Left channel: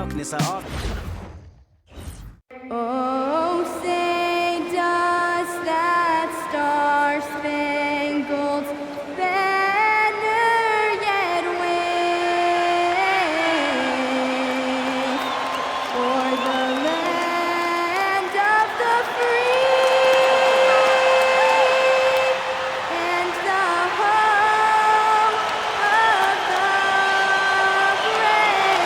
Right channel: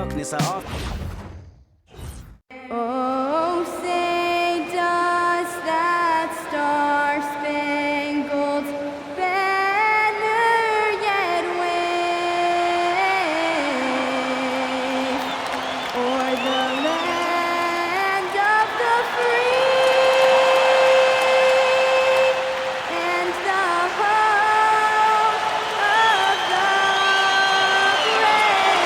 darkness, I often... Oh, say does that star-spangled banner yet wave o'er the land of the free and the home of the brave?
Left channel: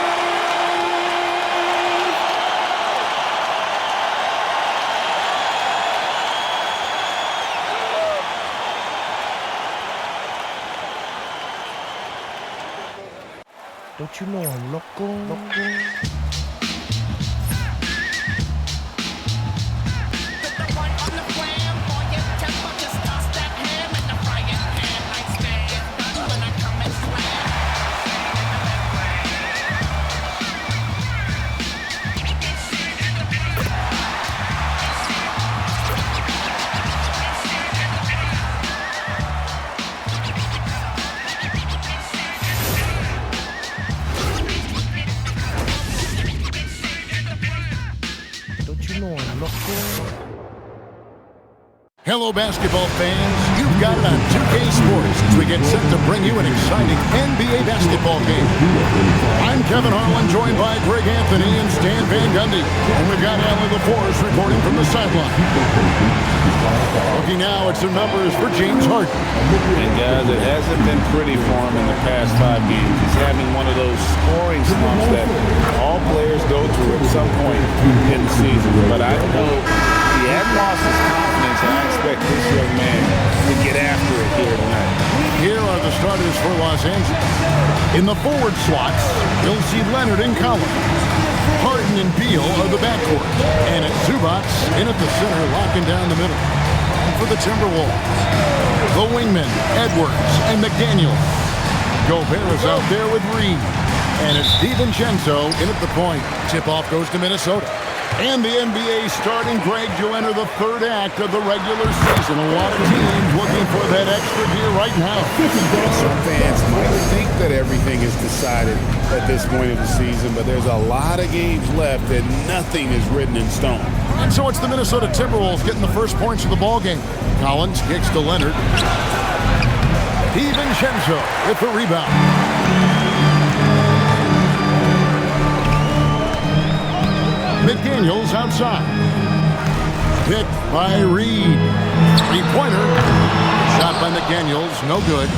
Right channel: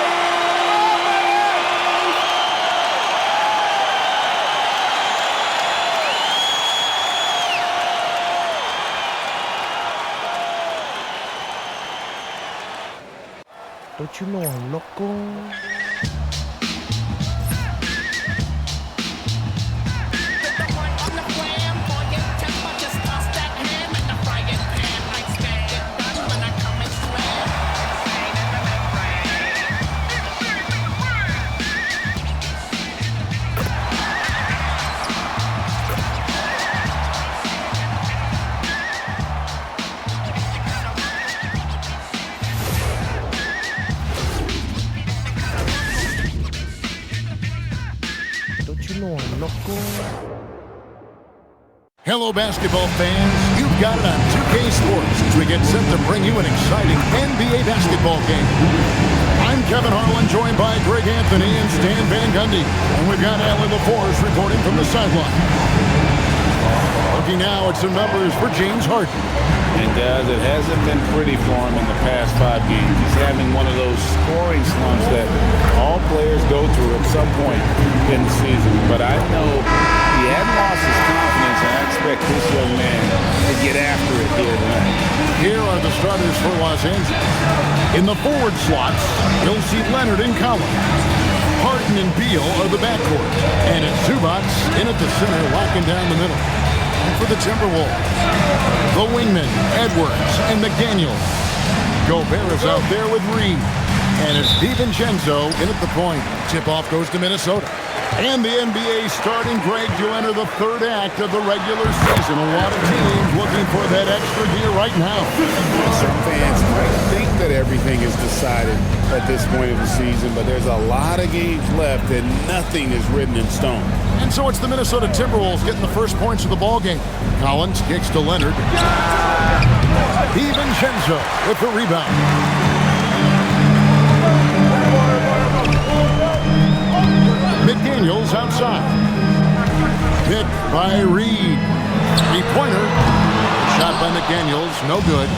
Don't you know I'm loco? Don't you know I'm loco? Hello, basketball fans. You've got it on 2K Sports as we get set to bring you an exciting NBA basketball game. I'm Kevin Harlan, joined by Greg Anthony and Stan Van Gundy. And we've got Allie LaForce reporting from the sideline. Looking now at some numbers for James Harden. And guys, it hasn't been pretty for him in the past 5 games. He's having one of those scoring slumps that all players go through at some point in the season. But I know he hadn't lost his confidence, and I expect this young man to get after it here tonight. Here are the starters for Los Angeles. In the forward slots, you'll see Leonard and Collins. Harden and Beal are the backcourt. And it's Zubac in at the center, locking down the middle. And for the Timberwolves, the wingmen, Edwards and McDaniel. Gobert is out there with Reed. And it's DiVincenzo in at the point. Tip-off goes to Minnesota. And the NBA starting, Greg, to enter the third act of the regular season. A lot of teams looking for that extra gear right now. Some fans might think that everything is decided at this point of the season, but there's a lot of games left and nothing is written in stone. And so it's the Minnesota Timberwolves getting the first points of the ball game. Collins kicks to Leonard. DiVincenzo with the rebound. McDaniels outside. Picked by Reed. Three-pointer. Shot by McDaniels, no good.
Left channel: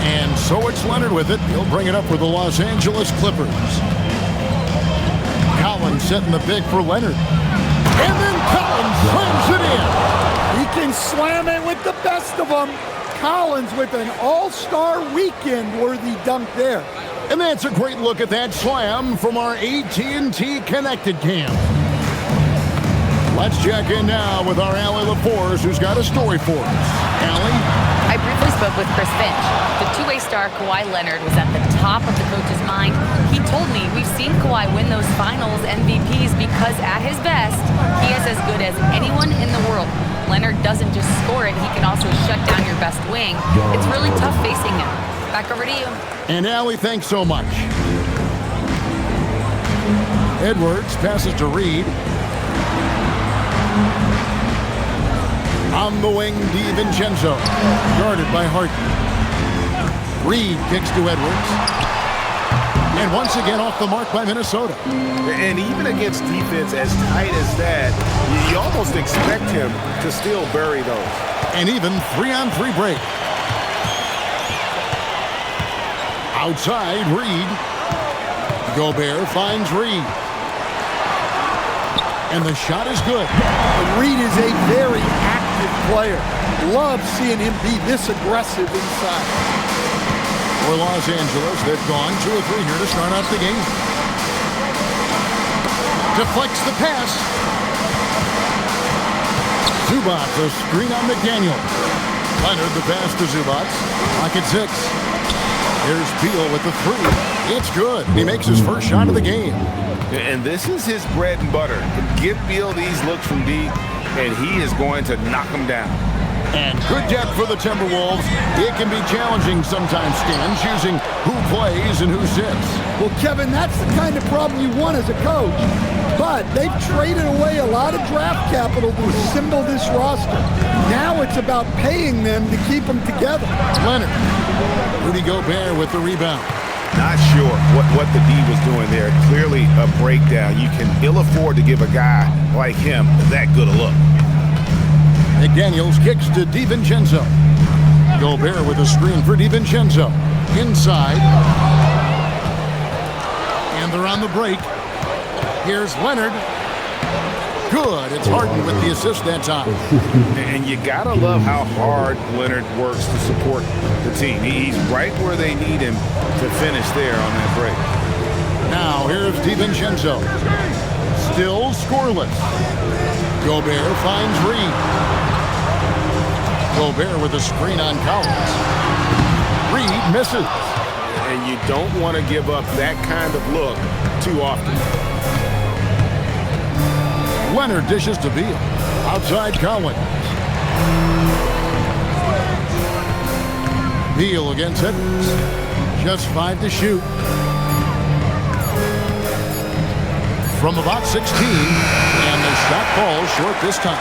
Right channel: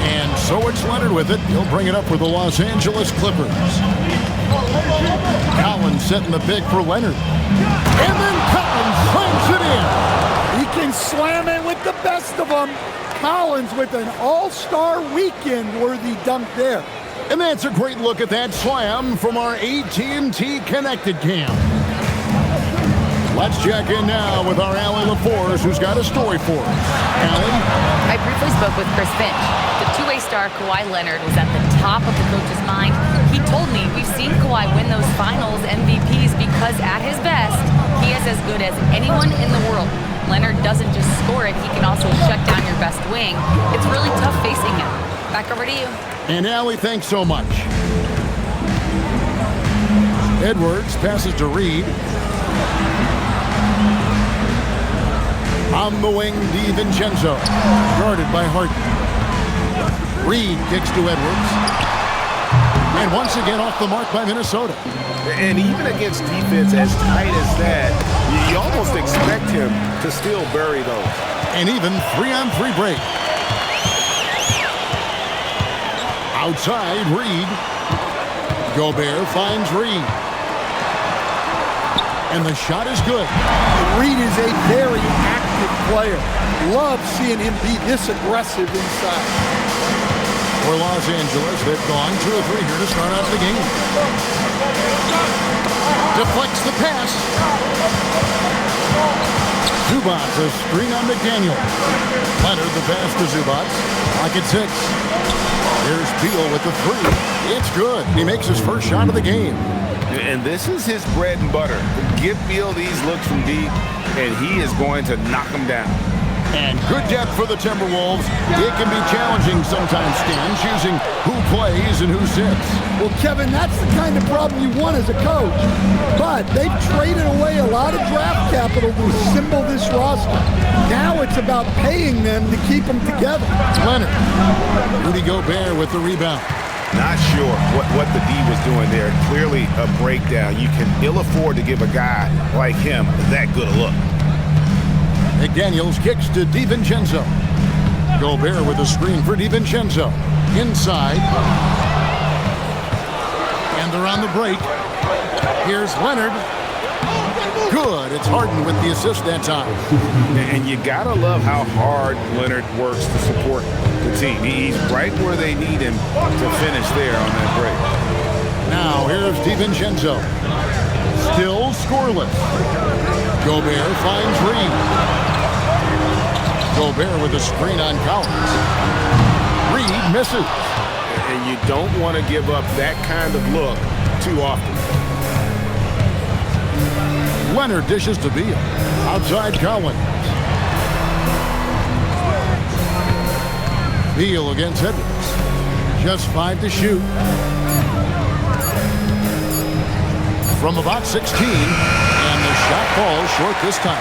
And so it's Leonard with it. He'll bring it up for the Los Angeles Clippers. Collins setting the pick for Leonard. And then Collins slams it in. He can slam it with the best of them. Collins with an all-star weekend-worthy dunk there. And that's a great look at that slam from our AT&T Connected Cam. Let's check in now with our Allie LaForce, who's got a story for us. Allie? I briefly spoke with Chris Finch. The two-way star Kawhi Leonard was at the top of the coach's mind. He told me we've seen Kawhi win those finals MVPs because at his best, he is as good as anyone in the world. Leonard doesn't just score it, he can also shut down your best wing. It's really tough facing him. Back over to you. And Allie, thanks so much. Edwards passes to Reed. On the wing, DiVincenzo, guarded by Harden. Reed kicks to Edwards. And once again off the mark by Minnesota. And even against defense as tight as that, you almost expect him to still bury those. And even 3-on-3 break. Outside, Reed. Gobert finds Reed. And the shot is good. Reed is a very active player. Love seeing him be this aggressive inside. For Los Angeles, they've gone 2 or 3 here to start out the game. Deflects the pass. Zubac, a screen on McDaniel. Leonard, the pass to Zubac. Clock at 6. Here's Beal with the 3. It's good. He makes his first shot of the game. And this is his bread and butter. Give Beal these looks from deep, and he is going to knock them down. And good depth for the Timberwolves. It can be challenging sometimes, Stan, choosing who plays and who sits. Well, Kevin, that's the kind of problem you want as a coach. But they've traded away a lot of draft capital to assemble this roster. Now it's about paying them to keep them together. Leonard. Rudy Gobert with the rebound. Not sure what the D was doing there. Clearly a breakdown. You can ill afford to give a guy like him that good a look. McDaniels kicks to DiVincenzo. Gobert with a screen for DiVincenzo. Inside. And they're on the break. Here's Leonard. Good. It's Harden with the assist that time. And you got to love how hard Leonard works to support the team. He's right where they need him to finish there on that break. Now here's DiVincenzo. Still scoreless. Gobert finds Reed. Gobert with a screen on Collins. Reed misses. And you don't want to give up that kind of look too often. Leonard dishes to Beal. Outside Collins. Beal against Edwards. Just 5 to shoot. From about 16. And the shot falls short this time.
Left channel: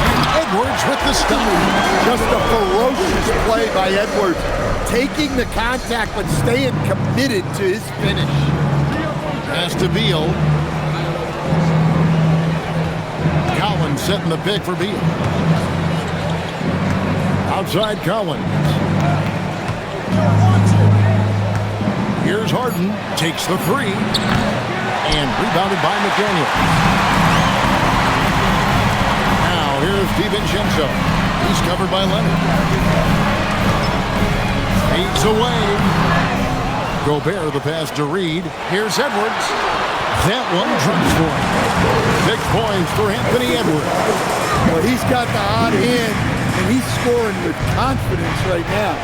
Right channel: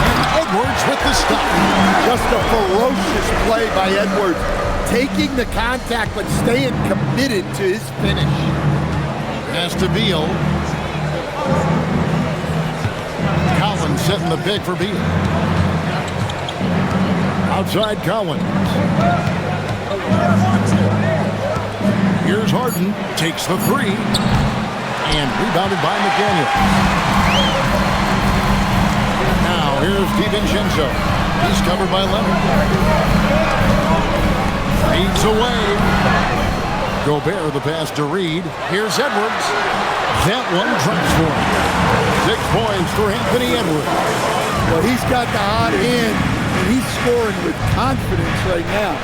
And Edwards with the stop. Just a ferocious play by Edwards. Taking the contact but staying committed to his finish. Pass to Beal. Collins setting the pick for Beal. Outside Collins. Here's Harden. Takes the three. And rebounded by McDaniels. Now here's DiVincenzo. He's covered by Leonard. Feeds away. Gobert the pass to Reed. Here's Edwards. That one drops for him. 6 points for Anthony Edwards. Well, he's got the hot hand, and he's scoring with confidence right now.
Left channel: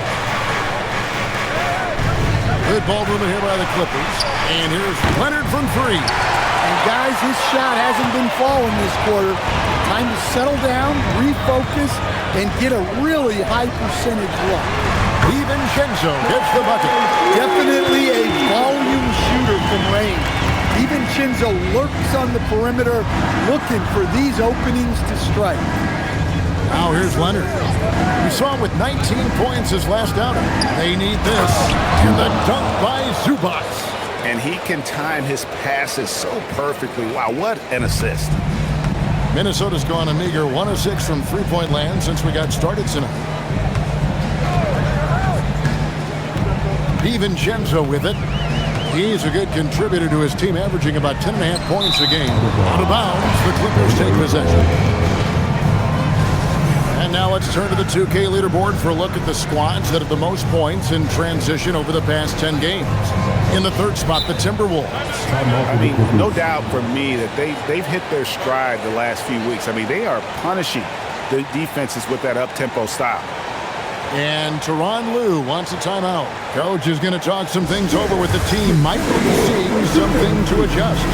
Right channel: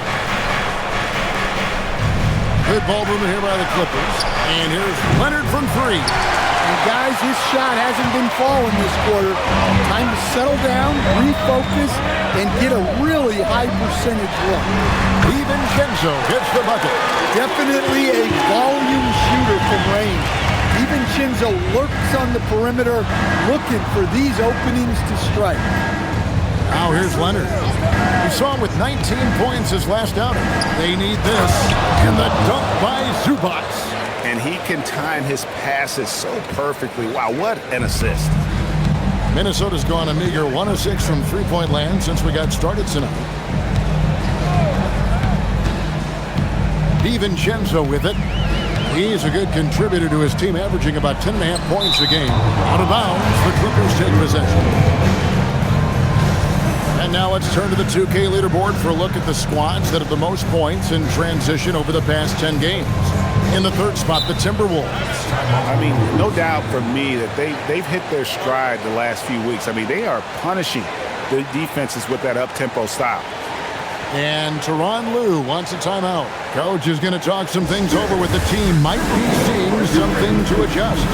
Good ball movement here by the Clippers. And here's Leonard from 3. And guys, his shot hasn't been falling this quarter. Time to settle down, refocus, and get a really high percentage look. DiVincenzo hits the bucket. Definitely a volume shooter from range. DiVincenzo lurks on the perimeter, looking for these openings to strike. Now here's Leonard. We saw him with 19 points his last outing. They need this. And the dunk by Zubac. And he can time his passes so perfectly. Wow, what an assist. Minnesota's gone a meager 1 of 6 from three-point land since we got started tonight. DiVincenzo with it. He's a good contributor to his team, averaging about 10.5 points a game. Out of bounds, the Clippers take possession. And now let's turn to the 2K leaderboard for a look at the squads that have the most points in transition over the past 10 games. In the third spot, the Timberwolves. I mean, no doubt for me that they've hit their stride the last few weeks. I mean, they are punishing the defenses with that up-tempo style. And Tyronn Lue wants a timeout. Coach is going to talk some things over with the team. Might be seeing something to adjust.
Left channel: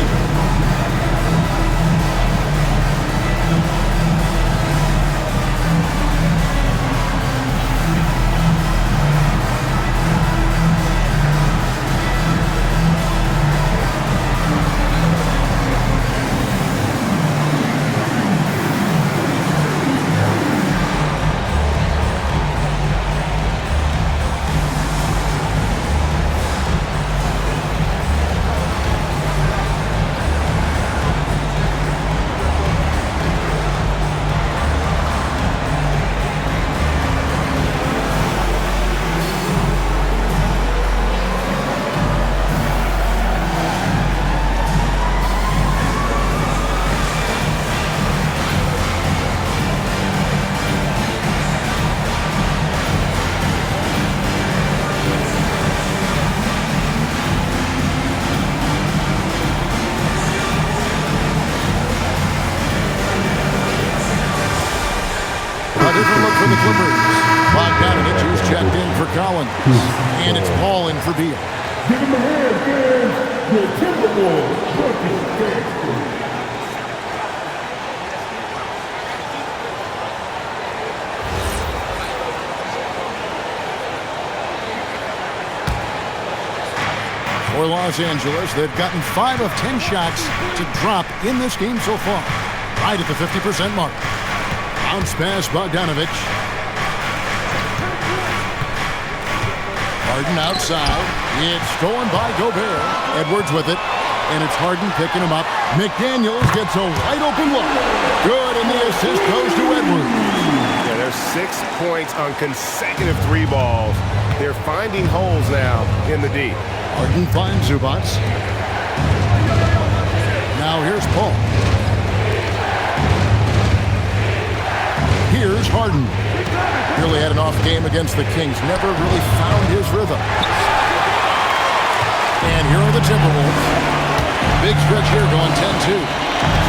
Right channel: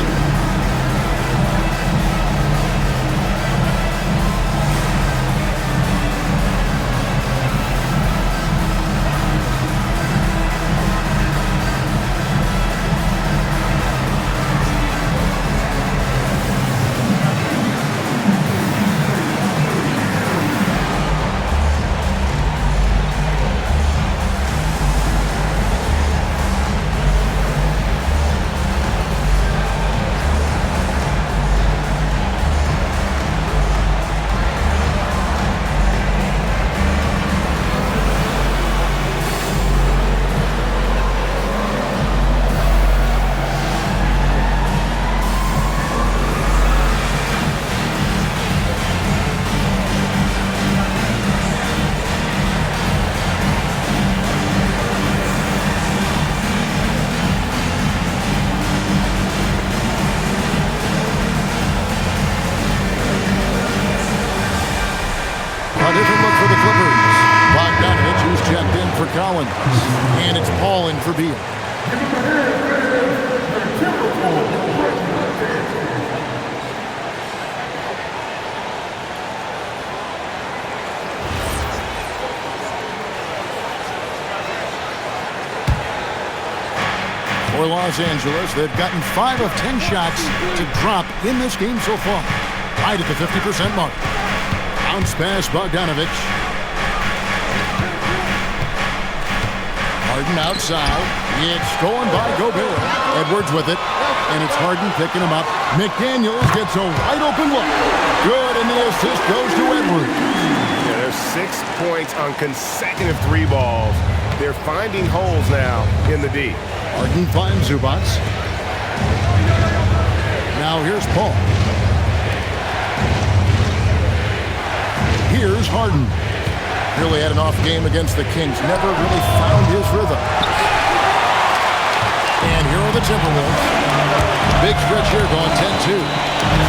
A different look for the Clippers. Bogdanovich, who's checked in for Collins. And it's Paul in for Beal. Give him a hand, fans. The Timberwolves breaking dance crew. For Los Angeles, they've gotten 5 of 10 shots to drop in this game so far. Right at the 50% mark. Bounce pass, Bogdanovic. Harden outside. It's stolen by Gobert. Edwards with it. And it's Harden picking him up. McDaniels gets a wide open look. Good, and the assist goes to Edwards. Yeah, there's 6 points on consecutive 3 balls. They're finding holes now in the D. Harden finds Zubac. Now here's Paul. Here's Harden. Really had an off game against the Kings. Never really found his rhythm. And here are the Timberwolves. Big stretch here going 10-2.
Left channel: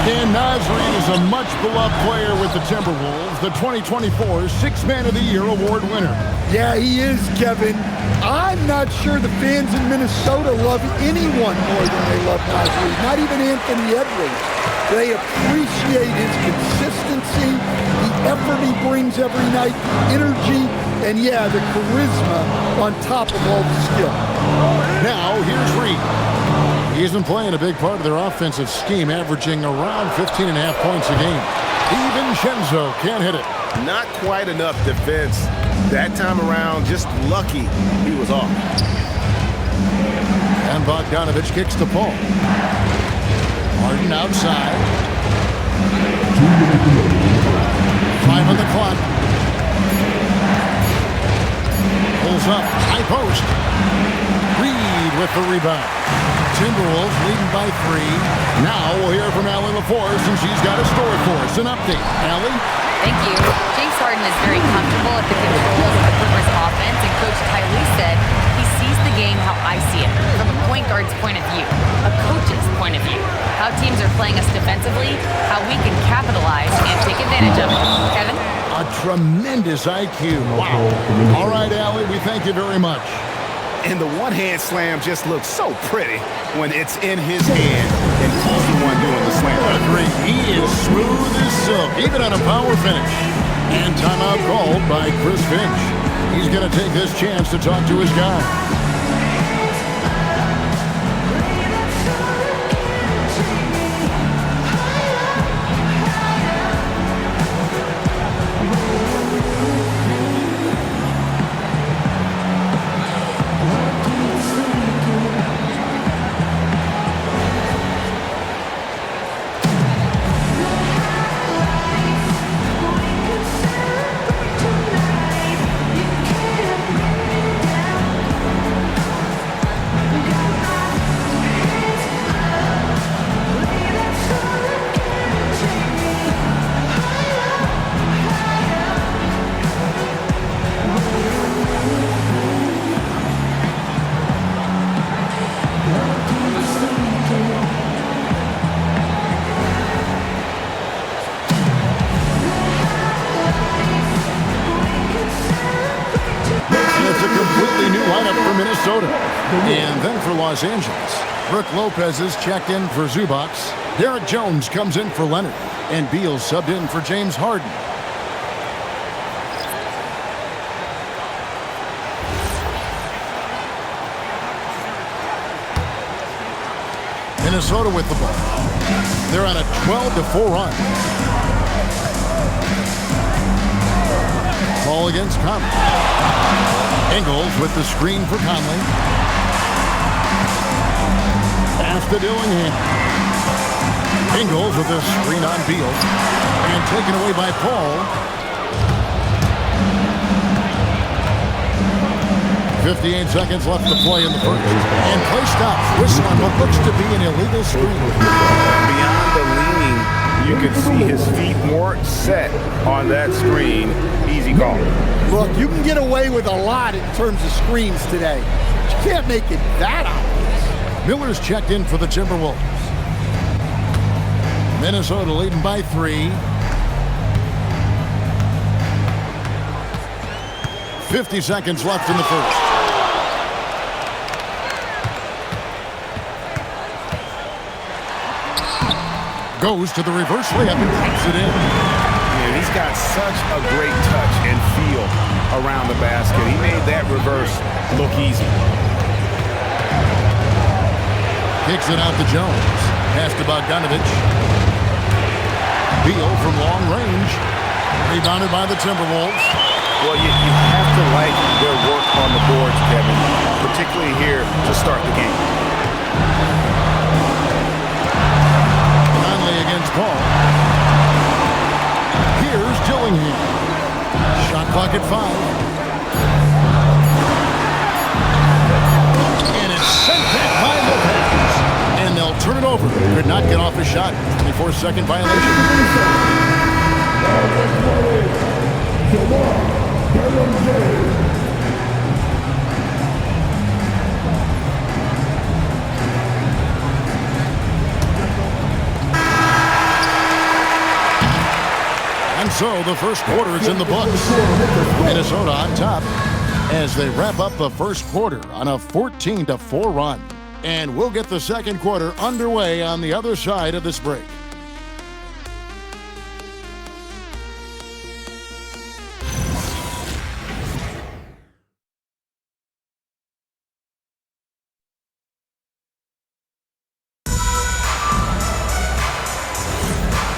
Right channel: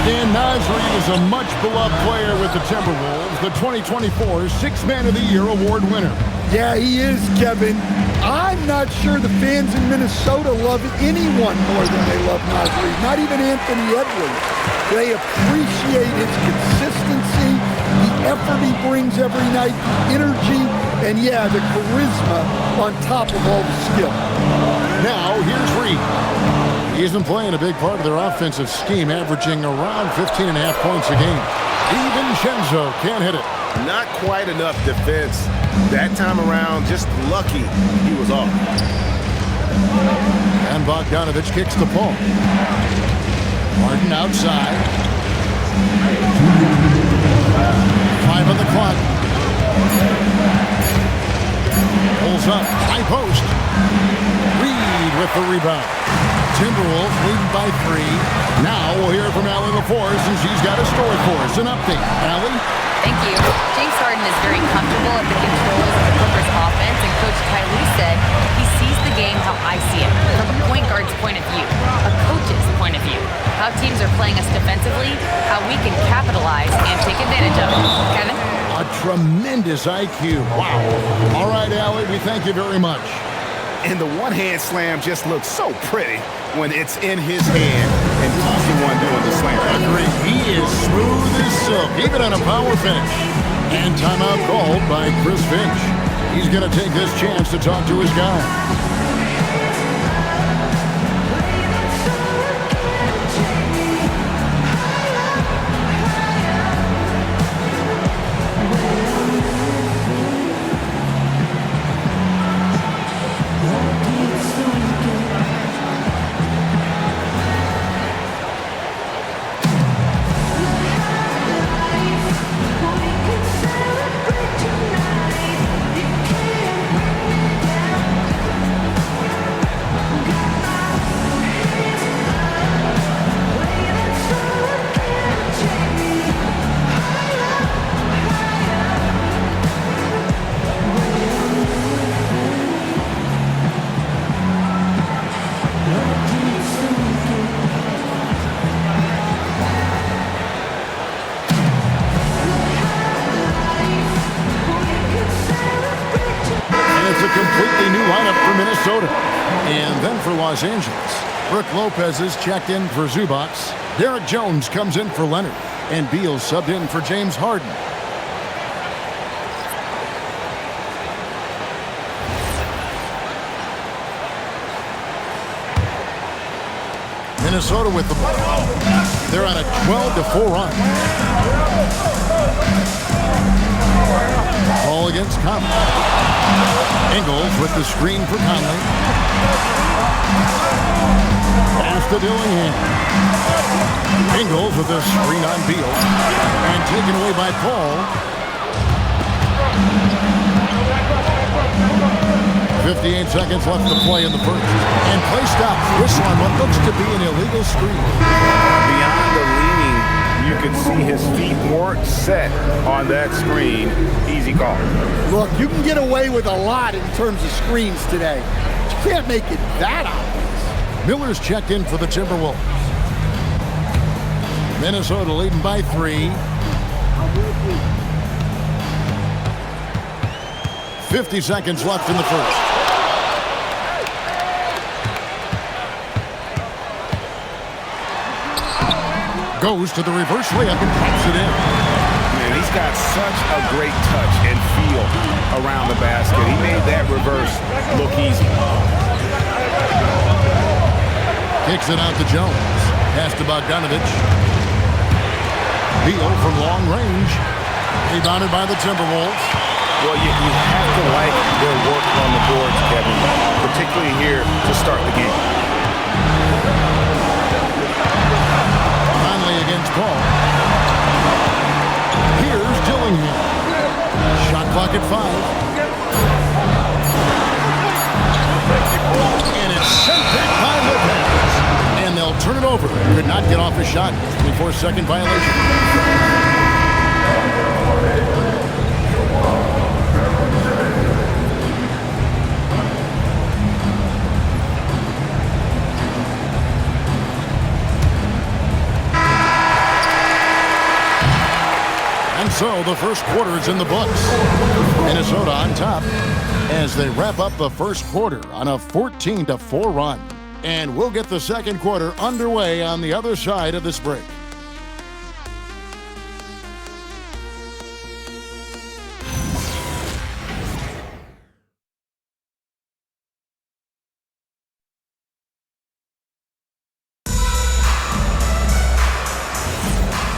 Dan Naismith is a much-beloved player with the Timberwolves, the 2024 Sixth Man of the Year award winner. Yeah, he is, Kevin. I'm not sure the fans in Minnesota love anyone more than they love Naismith, not even Anthony Edwards. They appreciate his consistency, the effort he brings every night, the energy, and yeah, the charisma on top of all the skill. Now, here's Reed. He isn't playing a big part of their offensive scheme, averaging around 15.5 points a game. DiVincenzo can't hit it. Not quite enough defense. That time around, just lucky he was off. And Bogdanovic kicks the Paul. Harden outside. 5 on the clock. Pulls up, high post. Reed with the rebound. Timberwolves leading by 3. Now we'll hear from Allie LaForce, and she's got a story for us. An update. Allie? Thank you. James Harden is very comfortable at the controls of the Clippers offense, and Coach Ty Lue said he sees the game how I see it, from a point guard's point of view, a coach's point of view, how teams are playing us defensively, how we can capitalize and take advantage of it. Kevin? A tremendous IQ. Wow. All right, Allie, we thank you very much. And the one-hand slam just looks so pretty when it's in his hand and he's the one doing the slam. Agreed. He is smooth as silk, even on a power finish. And timeout called by Chris Finch. He's going to take this chance to talk to his guys. It's a completely new lineup for Minnesota. And then for Los Angeles, Brook Lopez is checked in for Zubac. Derek Jones comes in for Leonard. And Beal subbed in for James Harden. Minnesota with the ball. They're on a 12-4 run. Ball against Conley. Ingles with the screen for Conley. Pass to Dillingham. Ingles with the screen on Beal. And taken away by Paul. 58 seconds left to play in the first. And play stops. Whistle on what looks to be an illegal screen. Beyond the leaning, you could see his feet weren't set on that screen. Easy call. Look, you can get away with a lot in terms of screens today. But you can't make it that obvious. Miller's checked in for the Timberwolves. Minnesota leading by 3. 50 seconds left in the first. Goes to the reverse layup and drops it in. Man, he's got such a great touch and feel around the basket. He made that reverse look easy. Kicks it out to Jones. Pass to Bogdanovich. Beal from long range. Rebounded by the Timberwolves. Well, you have to like their work on the boards, Kevin, particularly here to start the game. Conley against Paul. Here's Dillingham. Shot clock at 5. And it's sent back by Lopez. And they'll turn it over. Could not get off his shot. 24-second violation. And so the first quarter is in the books. Minnesota on top as they wrap up the first quarter on a 14-4 run. And we'll get the second quarter underway on the other side of this break.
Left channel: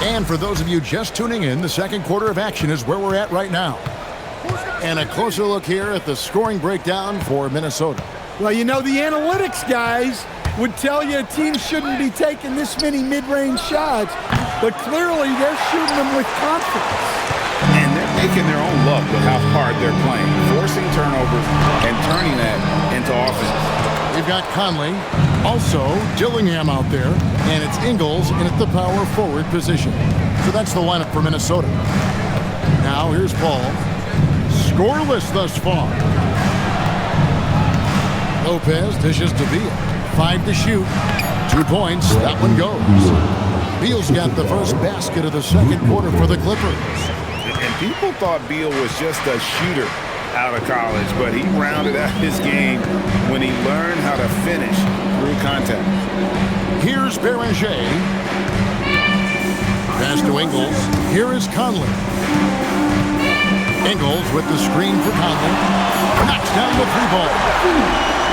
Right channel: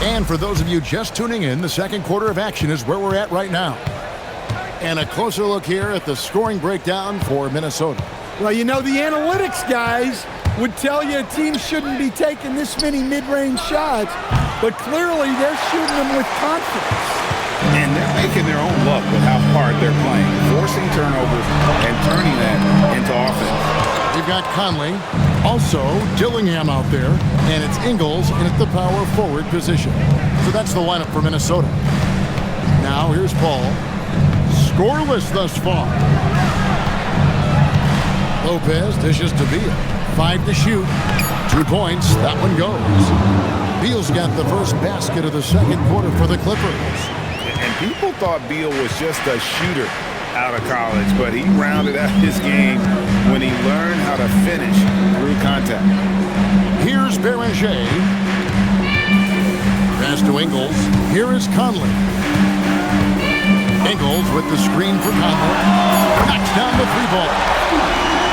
And for those of you just tuning in, the second quarter of action is where we're at right now. And a closer look here at the scoring breakdown for Minnesota. Well, you know, the analytics guys would tell you a team shouldn't be taking this many mid-range shots, but clearly they're shooting them with confidence. And they're making their own luck with how hard they're playing, forcing turnovers and turning that into offense. We've got Conley, also Dillingham out there, and it's Ingles in at the power forward position. So that's the lineup for Minnesota. Now here's Paul. Scoreless thus far. Lopez dishes to Beal. 5 to shoot. 2 points. That one goes. Beal's got the first basket of the second quarter for the Clippers. And people thought Beal was just a shooter out of college, but he rounded out his game when he learned how to finish through contact. Here's Beranger. Pass to Ingles. Here is Conley. Ingles with the screen for Conley. Knocks down the 3-ball.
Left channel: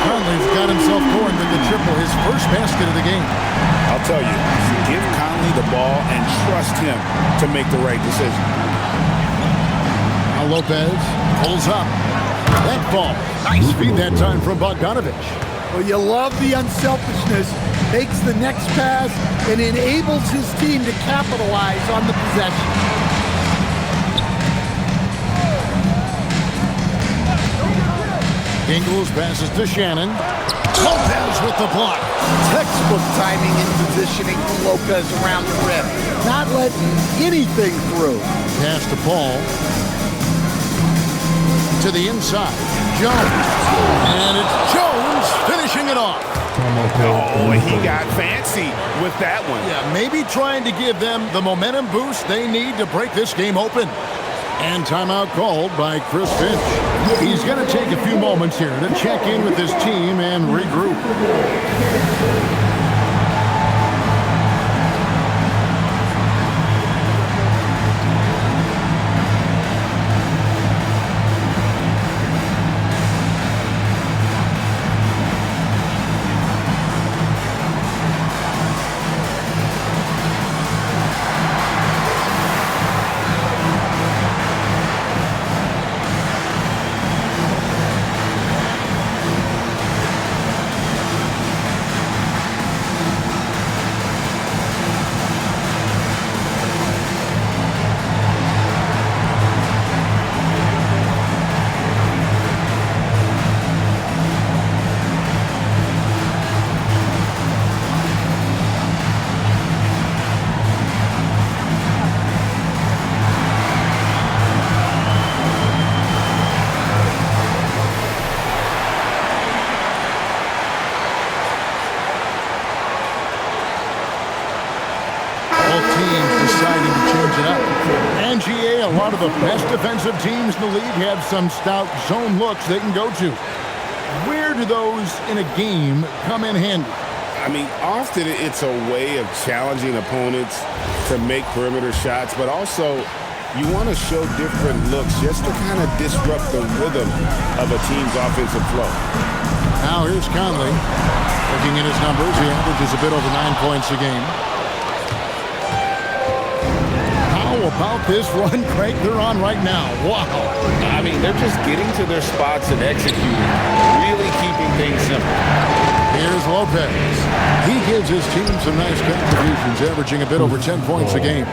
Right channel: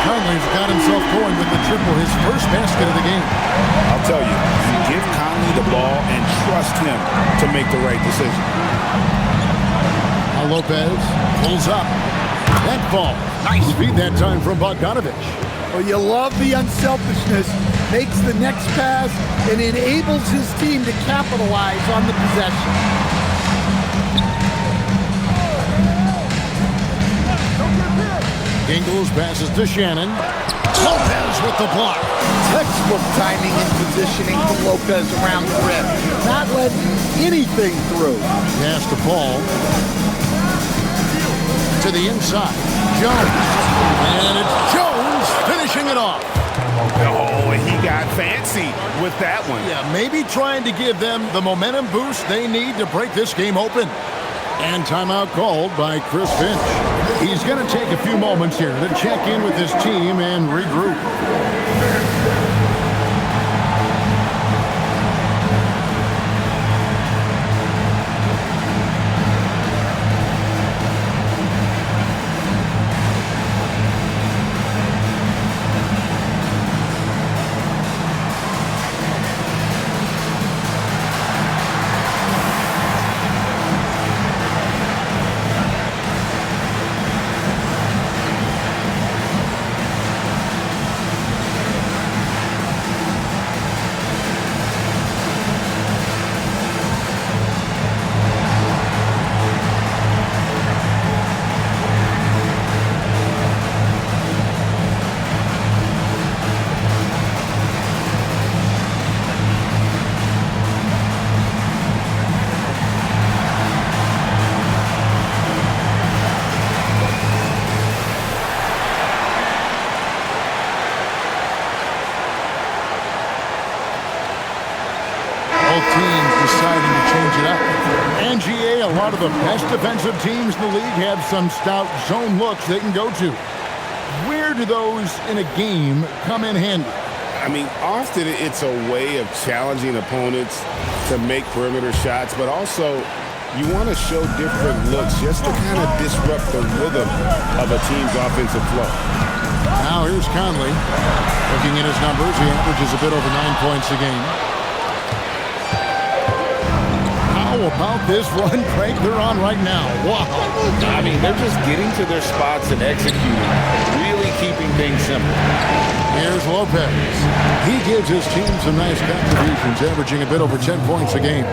Conley's got himself going with the triple, his first basket of the game. I'll tell you, give Conley the ball and trust him to make the right decision. Now Lopez pulls up. That ball. Nice feed that time from Bogdanovich. Well, you love the unselfishness. Makes the next pass and enables his team to capitalize on the possession. Ingles passes to Shannon. Lopez with the block. Textbook timing and positioning from Lopez around the rim. Not letting anything through. Pass to Paul. To the inside. Jones. And it's Jones finishing it off. Oh, he got fancy with that one. Yeah, maybe trying to give them the momentum boost they need to break this game open. And timeout called by Chris Finch. He's going to take a few moments here to check in with his team and regroup. Teams deciding to change it up. And GA, a lot of the best defensive teams in the league have some stout zone looks they can go to. Where do those in a game come in handy? I mean, often it's a way of challenging opponents to make perimeter shots, but also you want to show different looks just to kind of disrupt the rhythm of a team's offensive flow. Now here's Conley. Looking at his numbers, he averages a bit over 9 points a game. How about this run, Craig, they're on right now? Wow. I mean, they're just getting to their spots and executing, really keeping things simple. Here's Lopez. He gives his team some nice contributions, averaging a bit over 10 points a game.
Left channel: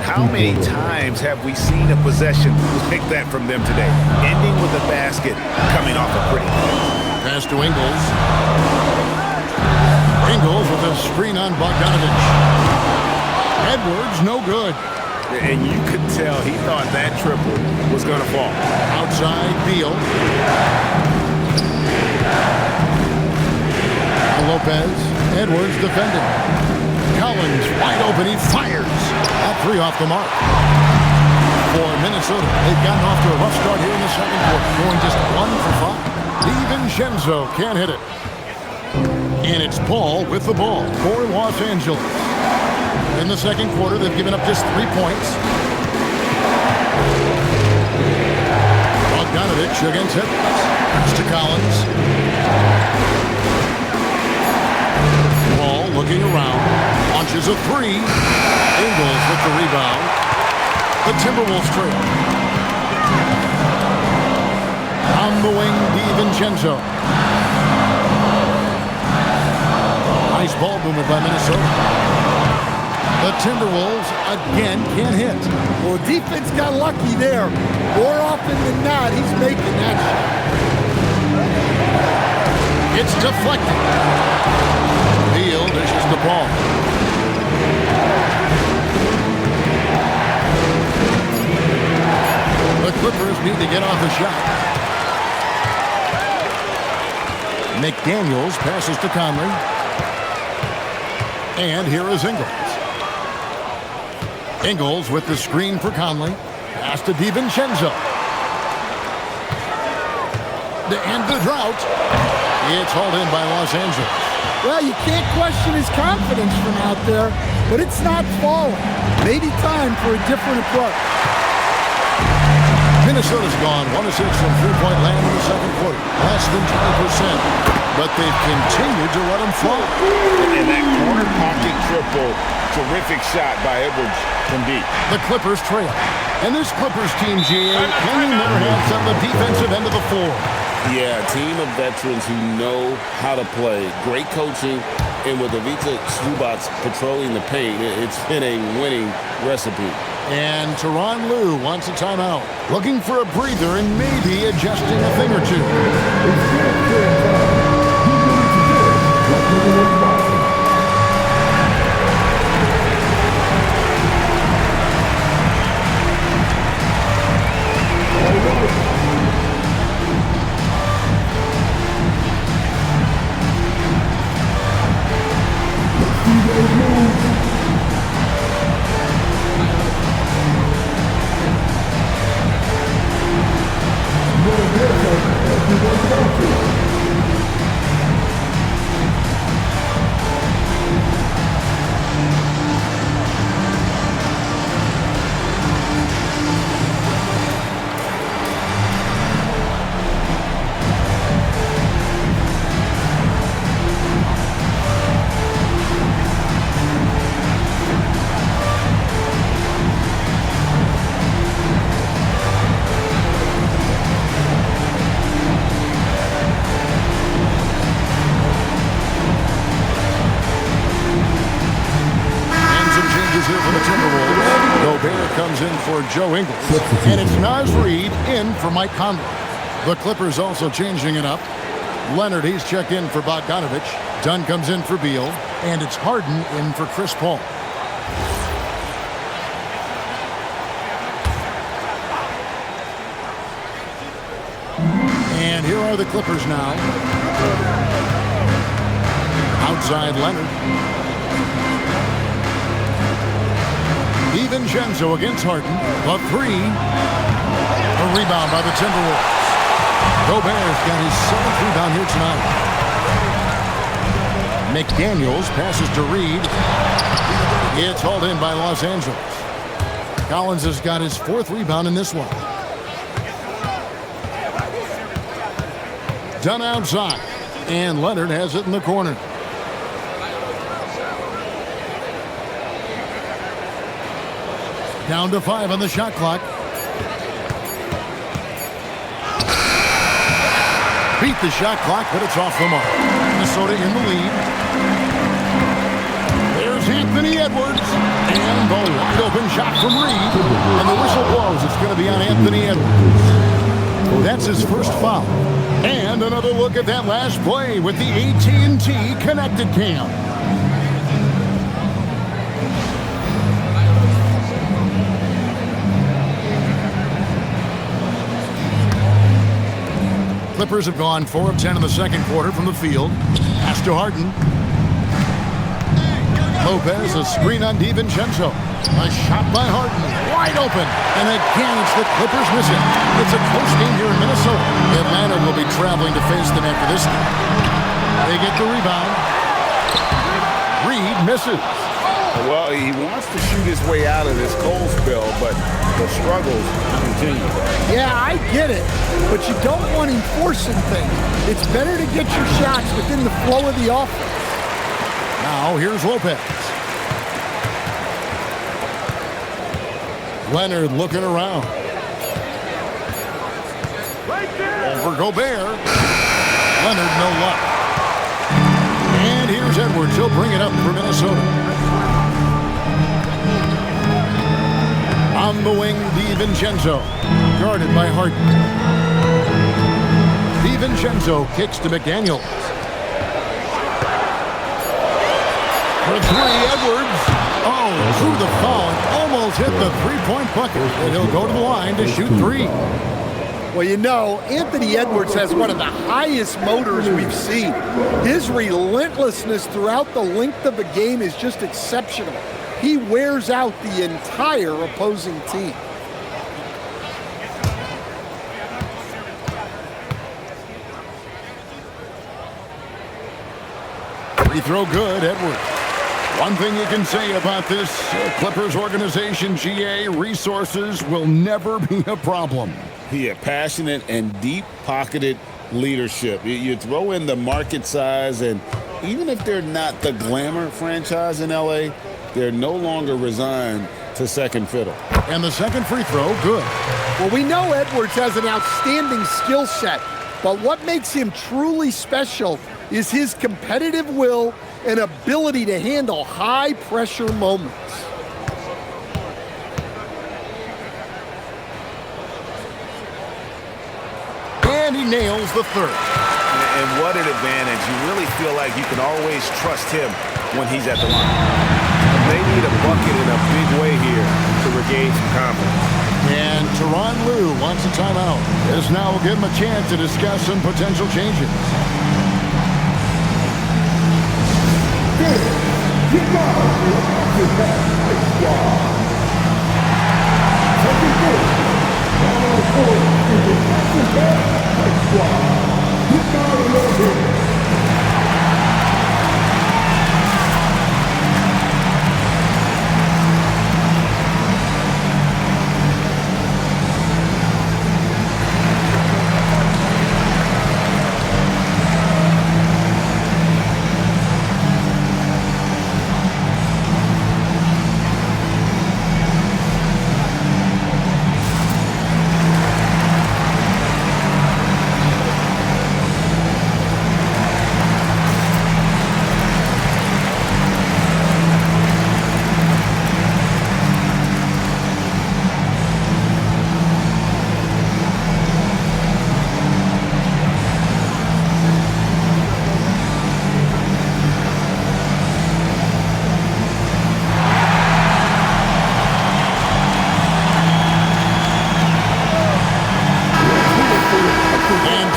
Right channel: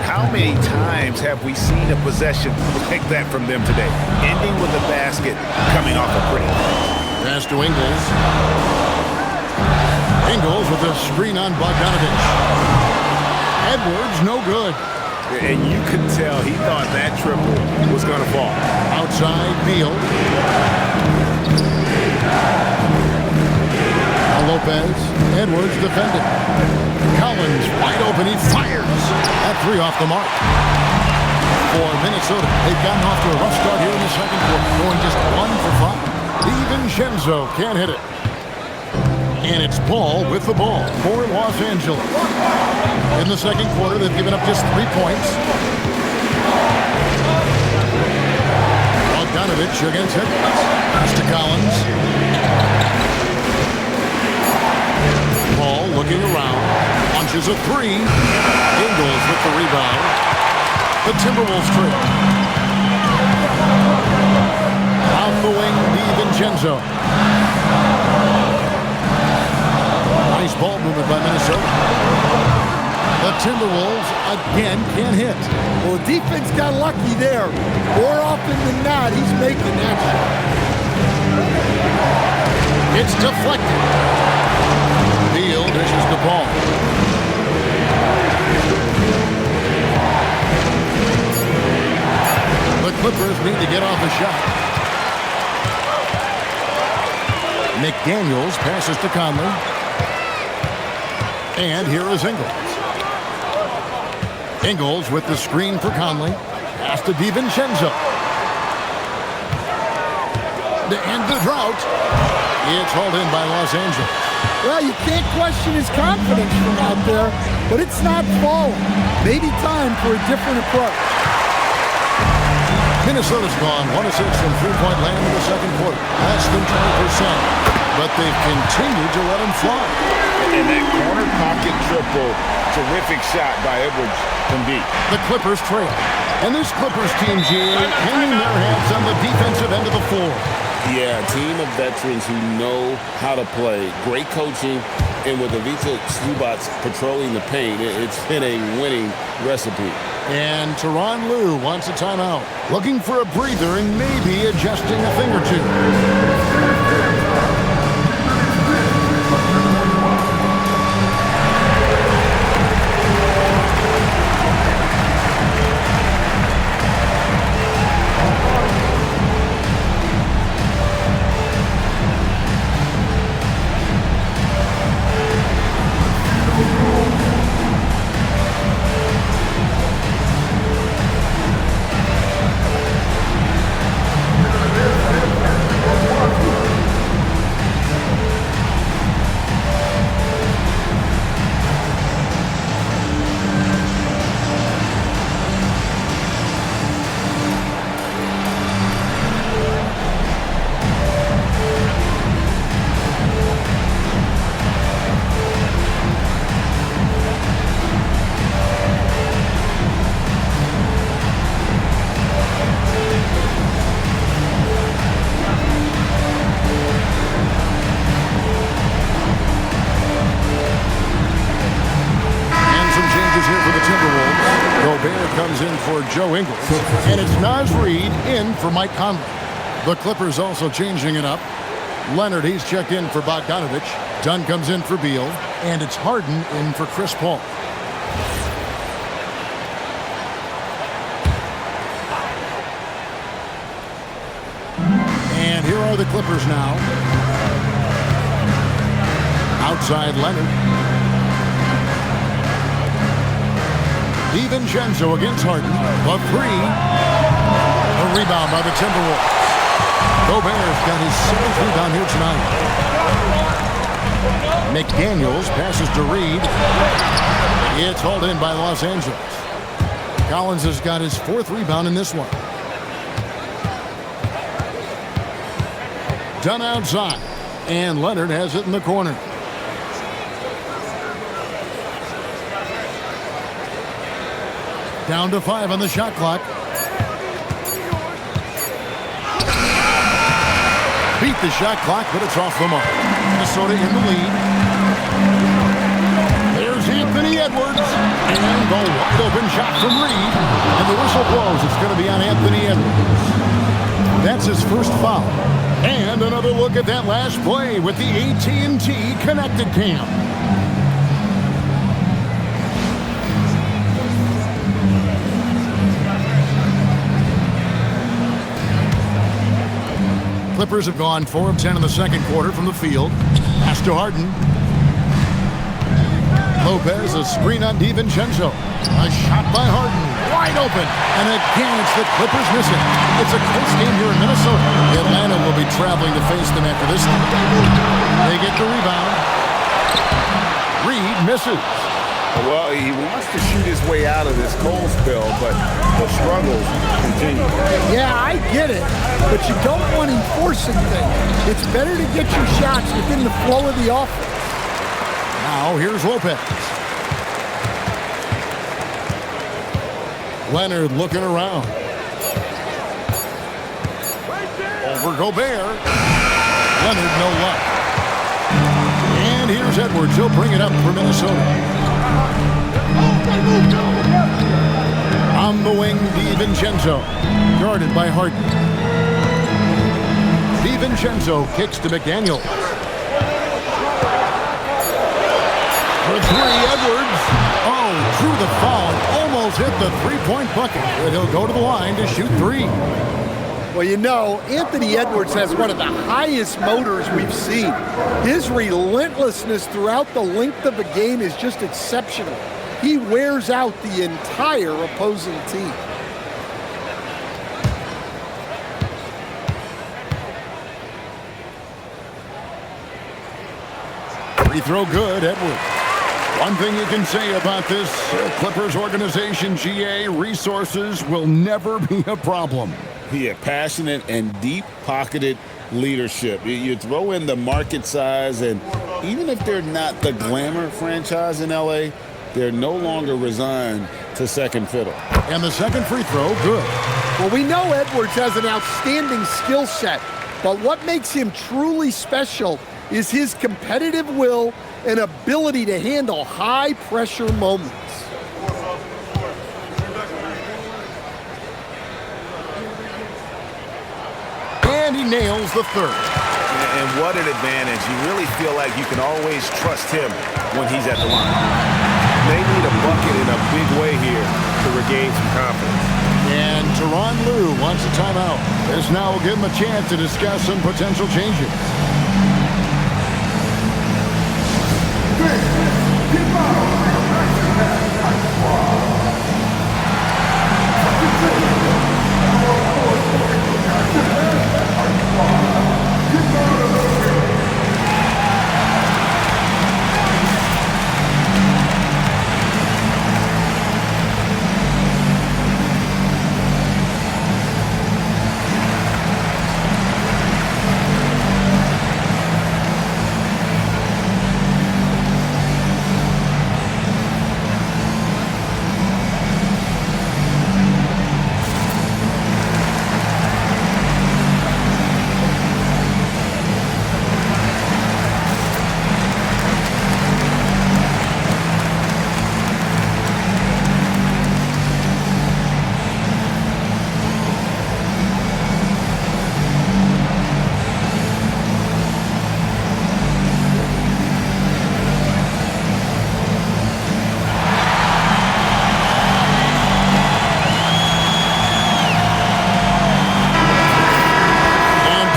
How many times have we seen a possession like that from them today? Ending with a basket, coming off a pretty pass. Pass to Ingles. Ingles with a screen on Bogdanovich. Edwards, no good. And you could tell he thought that triple was going to fall. Outside, Beal. Now Lopez. Edwards defending. Collins wide open. He fires. That three off the mark. For Minnesota, they've gotten off to a rough start here in the second quarter, going just 1 for 5. DiVincenzo can't hit it. And it's Paul with the ball for Los Angeles. In the second quarter, they've given up just 3 points. Bogdanovich against Edwards. Pass to Collins. Paul looking around. Launches a three. Ingles with the rebound. The Timberwolves trail. On the wing, DiVincenzo. Nice ball movement by Minnesota. The Timberwolves again can't hit. Well, the defense got lucky there. More often than not, he's making that shot. It's deflected. Beal dishes the ball. The Clippers need to get off a shot. McDaniels passes to Conley. And here is Ingles. Ingles with the screen for Conley. Pass to DiVincenzo. To end the drought. It's hauled in by Los Angeles. Well, you can't question his confidence from out there, but it's not falling. Maybe time for a different approach. Minnesota's gone 1 of 6 from three-point land in the second quarter. Less than 20%. But they've continued to let them fly. And that corner pocket triple, terrific shot by Edwards from deep. The Clippers trail. And this Clippers team, GA, hanging their hats on the defensive end of the floor. Yeah, a team of veterans who know how to play. Great coaching. And with Ivica Zubac patrolling the paint, it's been a winning recipe. And Tyronn Lue wants a timeout. Looking for a breather and maybe adjusting a thing or two. Here for the Timberwolves. Gobert comes in for Joe Ingles. And it's Naz Reid in for Mike Conley. The Clippers also changing it up. Leonard, he's checked in for Bogdanovich. Dunn comes in for Beal. And it's Harden in for Chris Paul. And here are the Clippers now. Outside Leonard. DiVincenzo against Harden. The three. A rebound by the Timberwolves. Gobert's got his 7th rebound here tonight. McDaniels passes to Reed. It's hauled in by Los Angeles. Collins has got his 4th rebound in this one. Dunn outside. And Leonard has it in the corner. Down to 5 on the shot clock. Beat the shot clock, but it's off the mark. Minnesota in the lead. There's Anthony Edwards. And the wide open shot from Reed. And the whistle blows. It's going to be on Anthony Edwards. That's his first foul. And another look at that last play with the AT&T Connected Cam. Clippers have gone 4 of 10 in the second quarter from the field. Pass to Harden. Lopez, a screen on DiVincenzo. A shot by Harden, wide open. And again, it's the Clippers missing. It's a close game here in Minnesota. Atlanta will be traveling to face them after this game. They get the rebound. Reed misses. Well, he wants to shoot his way out of this cold spell, but the struggles continue. Yeah, I get it, but you don't want him forcing things. It's better to get your shots within the flow of the offense. Now, here's Lopez. Leonard looking around. Over Gobert. Leonard, no luck. And here's Edwards. He'll bring it up for Minnesota. On the wing, DiVincenzo. Guarded by Harden. DiVincenzo kicks to McDaniels. For 3, Edwards. Oh, drew the foul and almost hit the three-point bucket. But he'll go to the line to shoot 3. Well, you know, Anthony Edwards has one of the highest motors we've seen. His relentlessness throughout the length of a game is just exceptional. He wears out the entire opposing team. Free throw good, Edwards. One thing you can say about this Clippers organization, GA, resources will never be a problem. Yeah, passionate and deep-pocketed leadership. You throw in the market size, and even if they're not the glamour franchise in LA, they're no longer resigned to second fiddle. And the second free throw, good. Well, we know Edwards has an outstanding skill set, but what makes him truly special is his competitive will and ability to handle high-pressure moments. And he nails the third. And what an advantage. You really feel like you can always trust him when he's at the line. They need a bucket in a big way here to regain some confidence. And Tyronn Lue wants a timeout. This now will give him a chance to discuss some potential changes.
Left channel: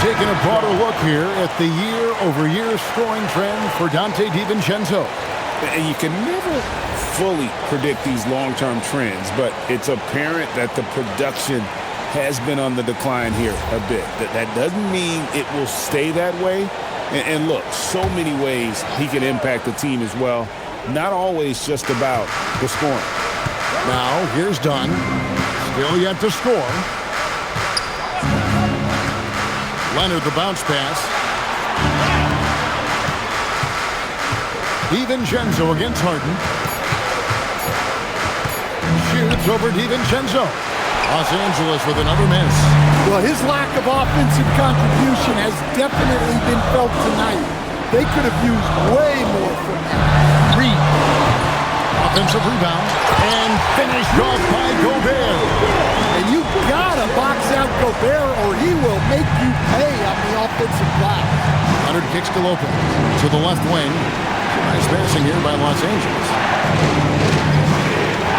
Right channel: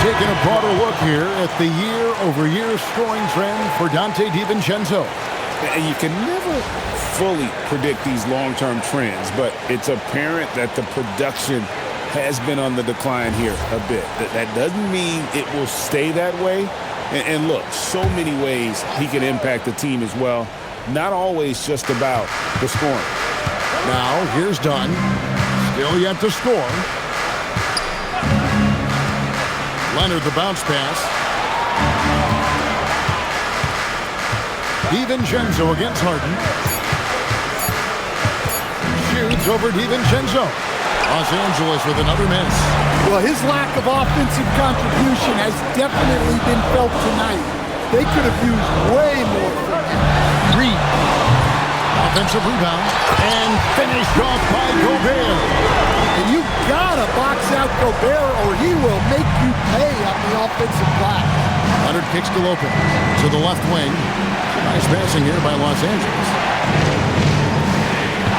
Taking a broader look here at the year-over-year scoring trend for Donte DiVincenzo. And you can never fully predict these long-term trends, but it's apparent that the production has been on the decline here a bit. That doesn't mean it will stay that way. And look, so many ways he can impact the team as well. Not always just about the scoring. Now, here's Dunn. Still yet to score. Leonard, the bounce pass. DiVincenzo against Harden. Shoots over DiVincenzo. Los Angeles with another miss. Well, his lack of offensive contribution has definitely been felt tonight. They could have used way more from him. Reed. Offensive rebound. And finished off by Gobert. And you gotta box out Gobert or he will make you pay on the offensive glass. Leonard kicks to Lopez. To the left wing. Some nice passing here by Los Angeles.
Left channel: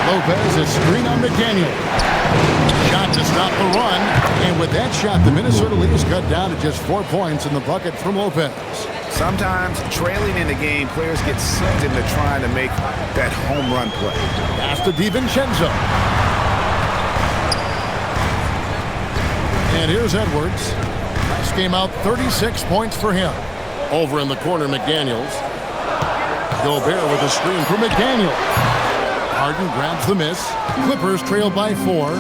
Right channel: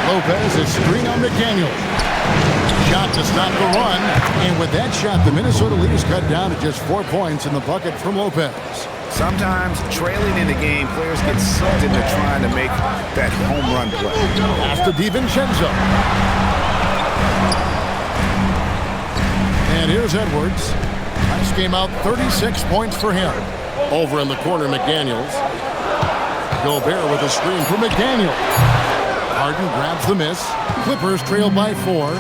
Lopez is screen on McDaniel. Shot to stop the run. And with that shot, the Minnesota lead is cut down to just 4 points in the bucket from Lopez. Sometimes trailing in the game, players get sucked into trying to make that home run play. Pass to DiVincenzo. And here's Edwards. Last game out, 36 points for him. Over in the corner, McDaniels. Gobert with a screen for McDaniel. Harden grabs the miss. Clippers trail by 4.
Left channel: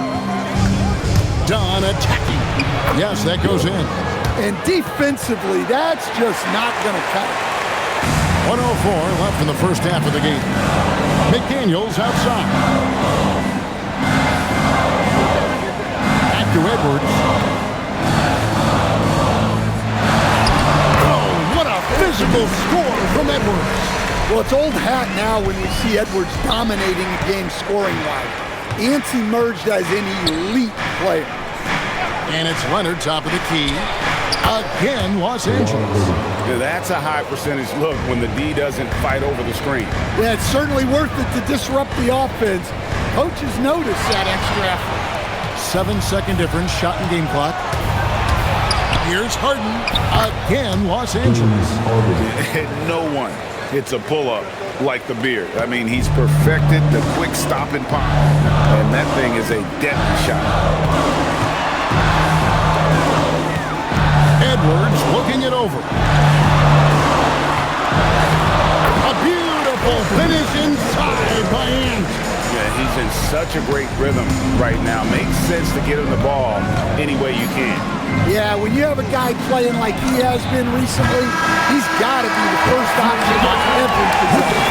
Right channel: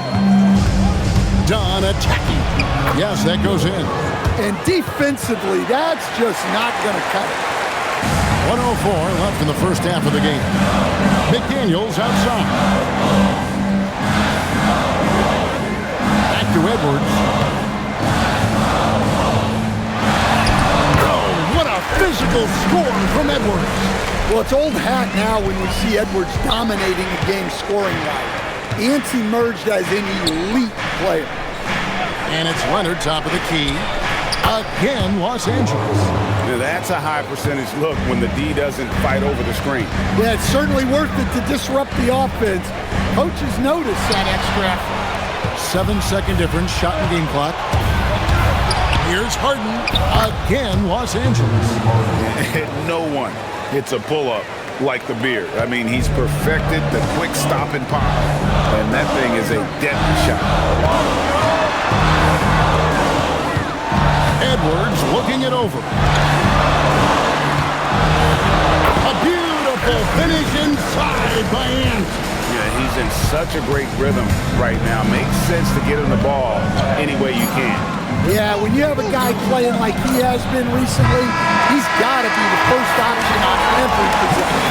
Dunn attacking. Yes, that goes in. And defensively, that's just not going to cut it. 1:04 left in the first half of the game. McDaniels outside. Back to Edwards. Oh, what a physical score from Edwards. Well, it's old hat now when we see Edwards dominating a game scoring-wise. Ants emerged as an elite player. And it's Leonard, top of the key. Again, Los Angeles. Now, that's a high percentage look when the D doesn't fight over the screen. Yeah, it's certainly worth it to disrupt the offense. Coaches notice that extra effort. 7-second difference, shot and game clock. Here's Harden. Again, Los Angeles. No one hits a pull-up like the Beard. I mean, he's perfected the quick stop and pop. And that thing is a deadly shot. Edwards looking it over. A beautiful finish inside by Ant. Yeah, he's in such a great rhythm right now. Makes sense to get him the ball any way you can. Yeah, when you have a guy playing like he has been recently, he's got to be the first option on every possession.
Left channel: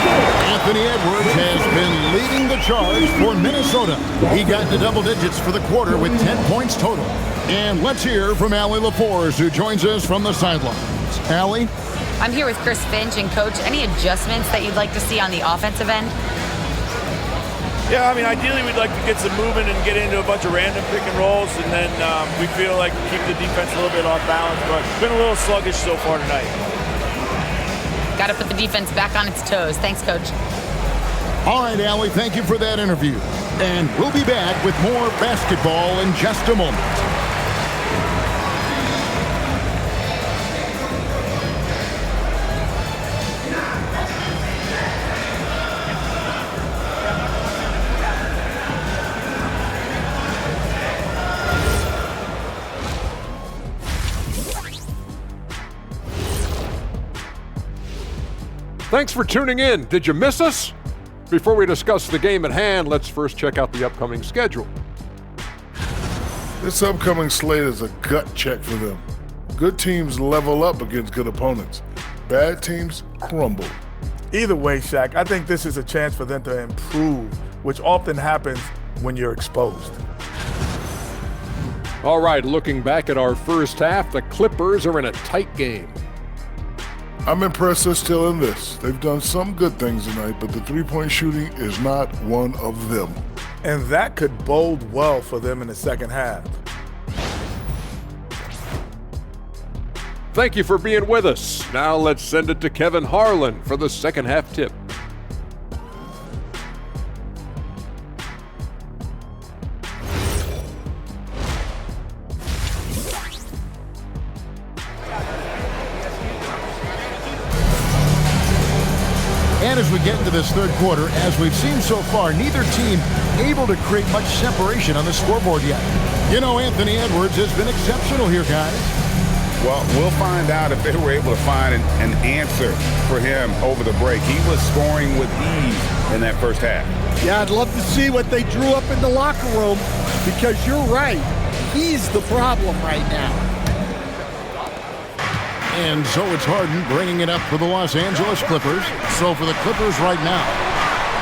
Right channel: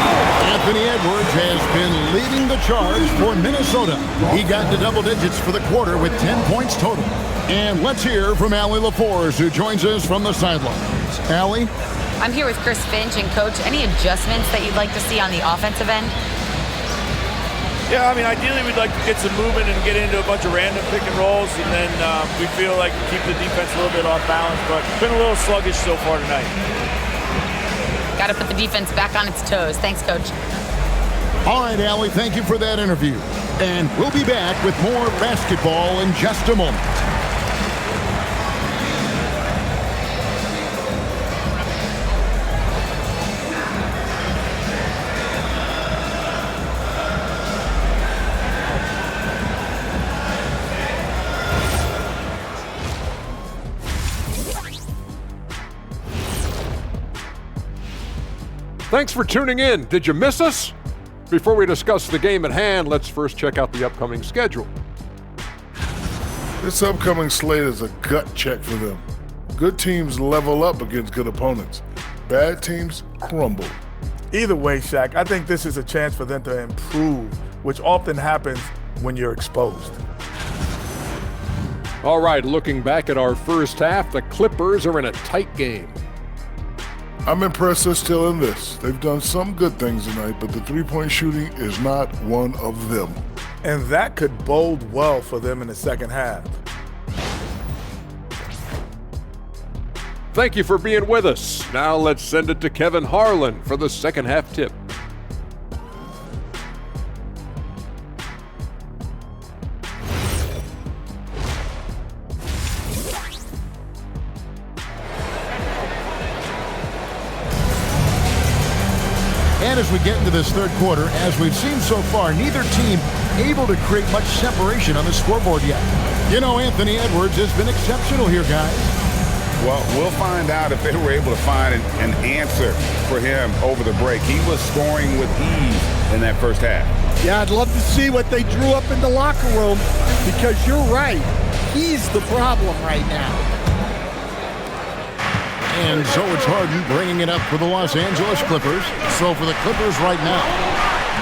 Anthony Edwards has been leading the charge for Minnesota. He got to double digits for the quarter with 10 points total. And let's hear from Allie LaForce, who joins us from the sidelines. Allie? I'm here with Chris Finch. And, Coach, any adjustments that you'd like to see on the offensive end? Yeah, I mean, ideally we'd like to get some movement and get into a bunch of random pick and rolls, and then we feel like we keep the defense a little bit off balance, but it's been a little sluggish so far tonight. Got to put the defense back on its toes. Thanks, Coach. All right, Allie, thank you for that interview. And we'll be back with more basketball in just a moment. Thanks for tuning in. Did you miss us? Before we discuss the game at hand, let's first check out the upcoming schedule. This upcoming slate is a gut check for them. Good teams level up against good opponents. Bad teams crumble. Either way, Shaq, I think this is a chance for them to improve, which often happens when you're exposed. All right, looking back at our first half, the Clippers are in a tight game. I'm impressed they're still in this. They've done some good things tonight, but the three-point shooting is not one of them. And that could bode well for them in the second half. Thank you for being with us. Now let's send it to Kevin Harlan for the second half tip. And as we get into this third quarter, as we've seen so far, neither team able to create much separation on the scoreboard yet. You know, Anthony Edwards has been exceptional here, guys. Well, we'll find out if they were able to find an answer for him over the break. He was scoring with ease in that first half. Yeah, I'd love to see what they drew up in the locker room, because you're right. He's the problem right now. And so it's Harden bringing it up for the Los Angeles Clippers. So for the Clippers right now,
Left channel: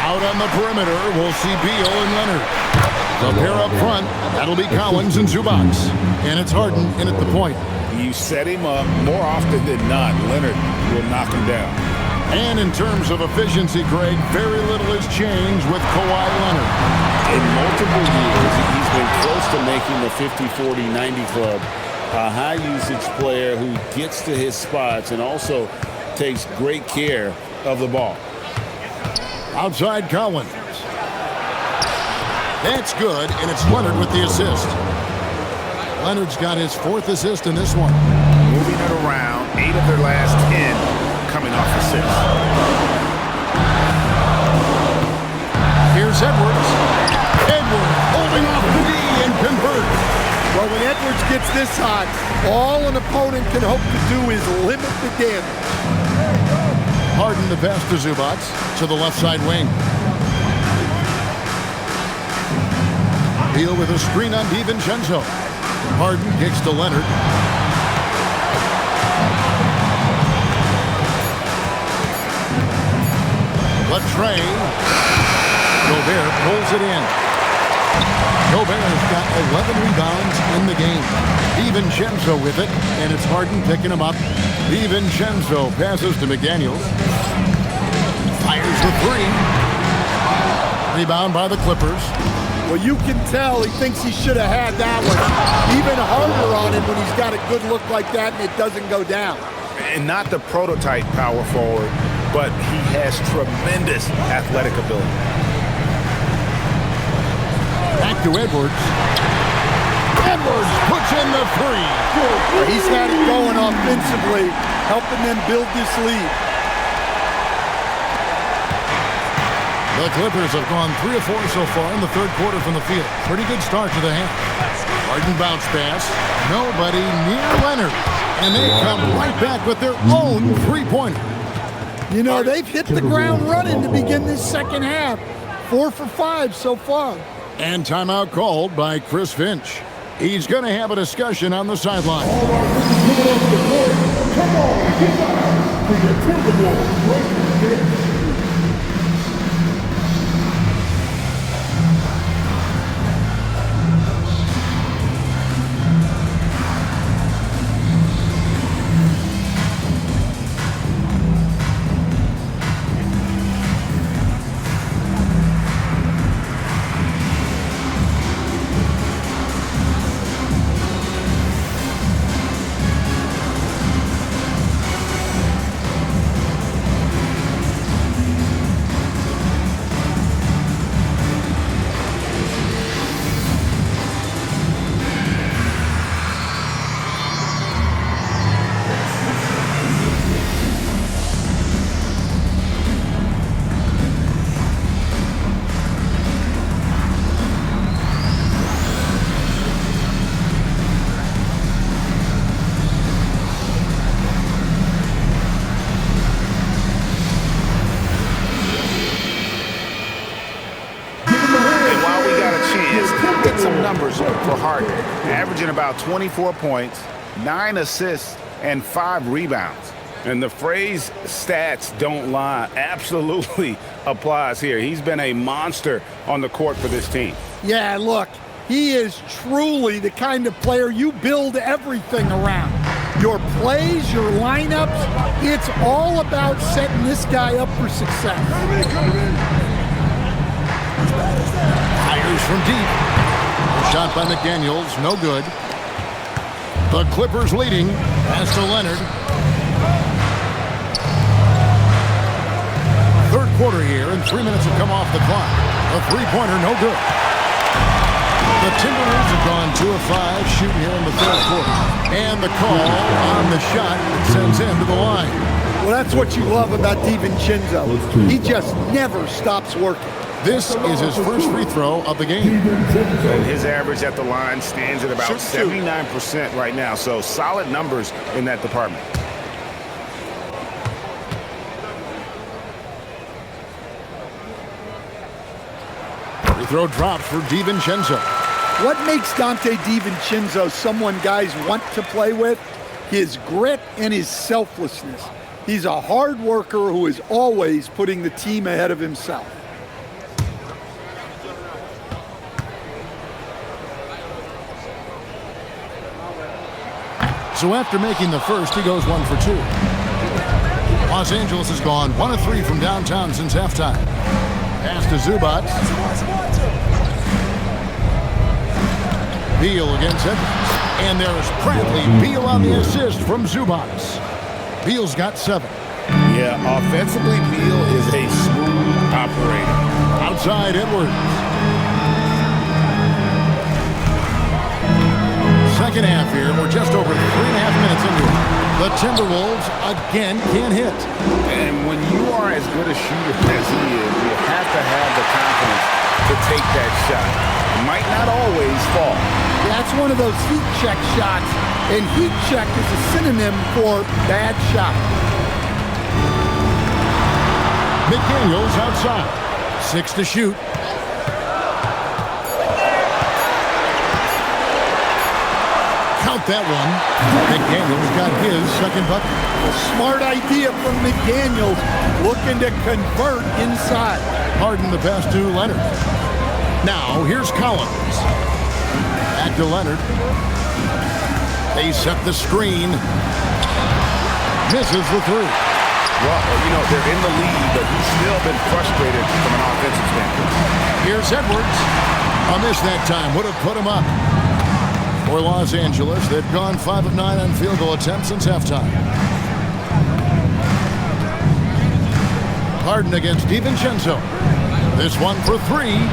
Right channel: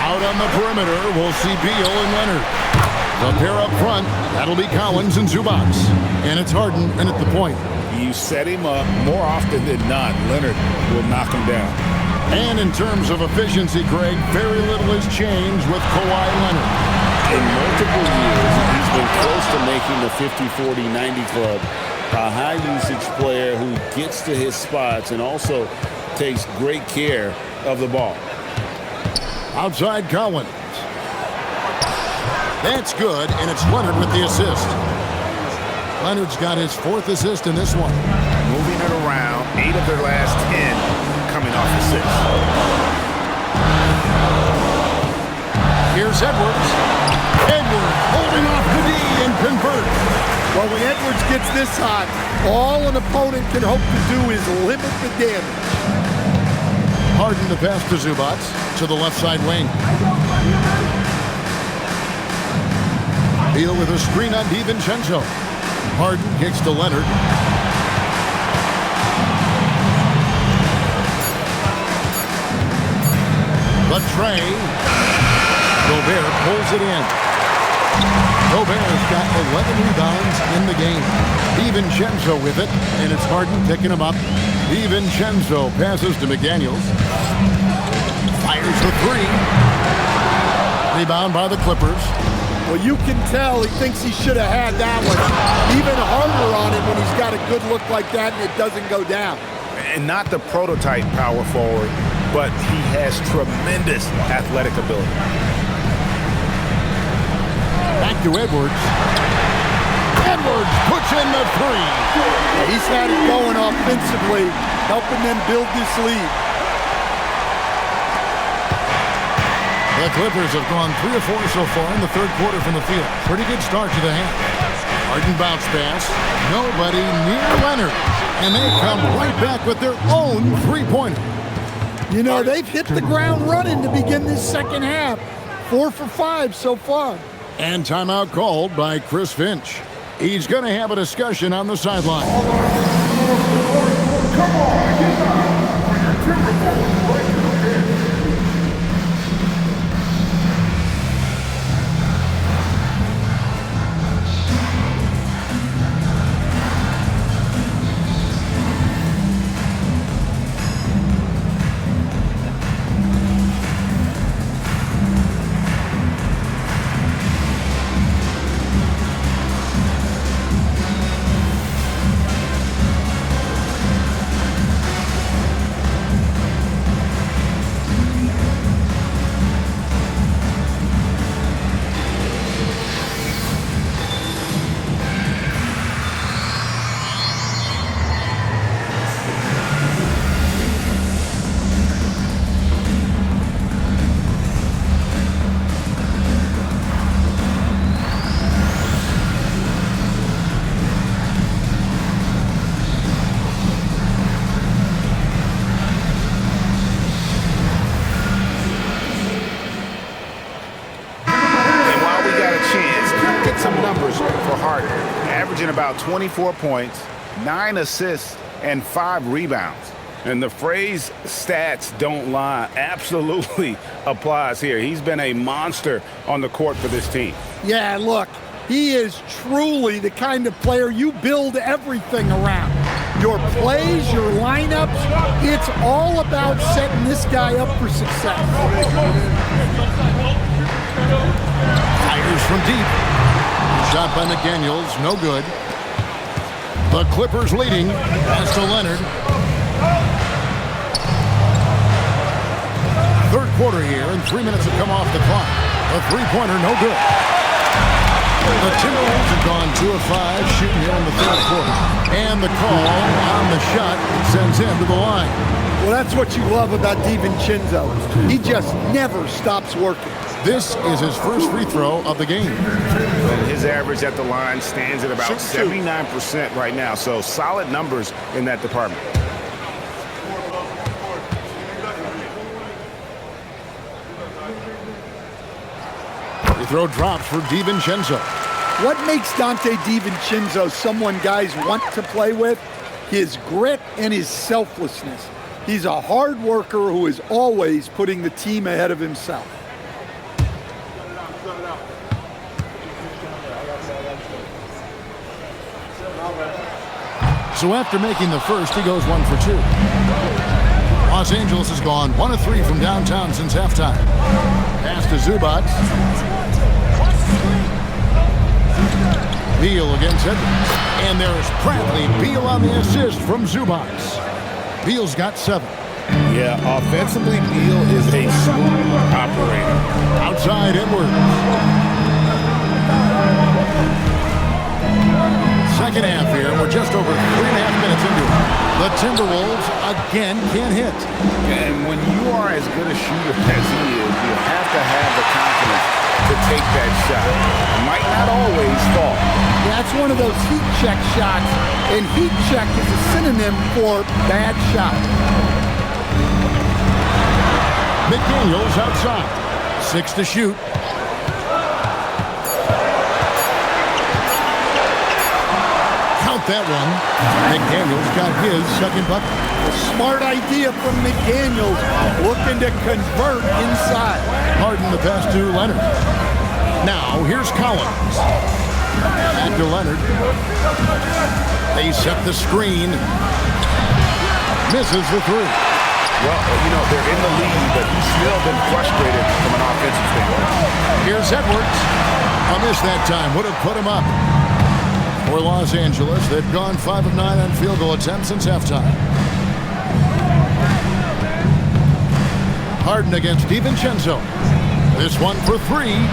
out on the perimeter, we'll see Beal and Leonard. The pair up front, that'll be Collins and Zubac. And it's Harden in at the point. You set him up more often than not, Leonard will knock him down. And in terms of efficiency, Greg, very little has changed with Kawhi Leonard. In multiple years, he's been close to making the 50-40-90 club. A high-usage player who gets to his spots and also takes great care of the ball. Outside Collins. That's good, and it's Leonard with the assist. Leonard's got his 4th assist in this one. Moving it around, 8 of their last 10 coming off assists. Here's Edwards. Edwards holding off the D and converts. Well, when Edwards gets this hot, all an opponent can hope to do is limit the damage. Harden the pass to Zubac to the left side wing. Beal with a screen on DiVincenzo. Harden kicks to Leonard. Latrey. Gobert pulls it in. Gobert's got 11 rebounds in the game. DiVincenzo with it, and it's Harden picking him up. DiVincenzo passes to McDaniels. Fires the 3. Rebound by the Clippers. Well, you can tell he thinks he should have had that one. Even harder on him when he's got a good look like that and it doesn't go down. And not the prototype power forward, but he has tremendous athletic ability. Back to Edwards. Edwards puts in the 3. Well, he's had it going offensively, helping them build this lead. The Clippers have gone 3 of 4 so far in the 3rd quarter from the field. Pretty good start to the half. Harden bounce pass. Nobody near Leonard. And they come right back with their own 3-pointer. You know, they've hit the ground running to begin this second half. 4 for 5 so far. And timeout called by Chris Finch. He's going to have a discussion on the sideline. Come on, get down for your Timberwolves right there. Chance, get some numbers for Harden. Averaging about 24 points, 9 assists, and 5 rebounds. And the phrase stats don't lie absolutely applies here. He's been a monster on the court for this team. Yeah, look, he is truly the kind of player you build everything around. Your plays, your lineups, it's all about setting this guy up for success. Fires from deep. Shot by McDaniels, no good. The Clippers leading. Pass to Leonard. 3rd quarter here, and 3 minutes have come off the clock. A 3-pointer, no good. The Timberwolves have gone 2 of 5 shooting here in the 3rd quarter. And the call on the shot that sends him to the line. Well, that's what you love about DiVincenzo. He just never stops working. This is his first free throw of the game. And his average at the line stands at about 79% right now, so solid numbers in that department. Free throw drops for DiVincenzo. What makes Dante DiVincenzo someone guys want to play with? his grit and his selflessness. He's a hard worker who is always putting the team ahead of himself. So after making the first, he goes 1 for 2. Los Angeles has gone 1 of 3 from downtown since halftime. Pass to Zubac. Beal against Edwards. And there's Bradley Beal on the assist from Zubac. Beal's got 7. Yeah, offensively, Beal is a smooth operator. Outside Edwards. Second half here, we're just over 3.5 minutes into it. The Timberwolves again can't hit. And when you are as good a shooter as he is, you have to have the confidence to take that shot. It might not always fall. That's one of those heat check shots, and heat check is a synonym for bad shot. McDaniels outside. 6 to shoot. Count that one. McDaniels got his second bucket. A smart idea from McDaniels, looking to convert inside. Harden the pass to Leonard. Now here's Collins. Back to Leonard. They set the screen. Misses the 3. Well, you know, they're in the lead, but he's still been frustrated from an offensive standpoint. Here's Edwards. A miss that time. Would have put him up. For Los Angeles, they've gone 5 of 9 on field goal attempts since halftime. Harden against DiVincenzo. This one for 3.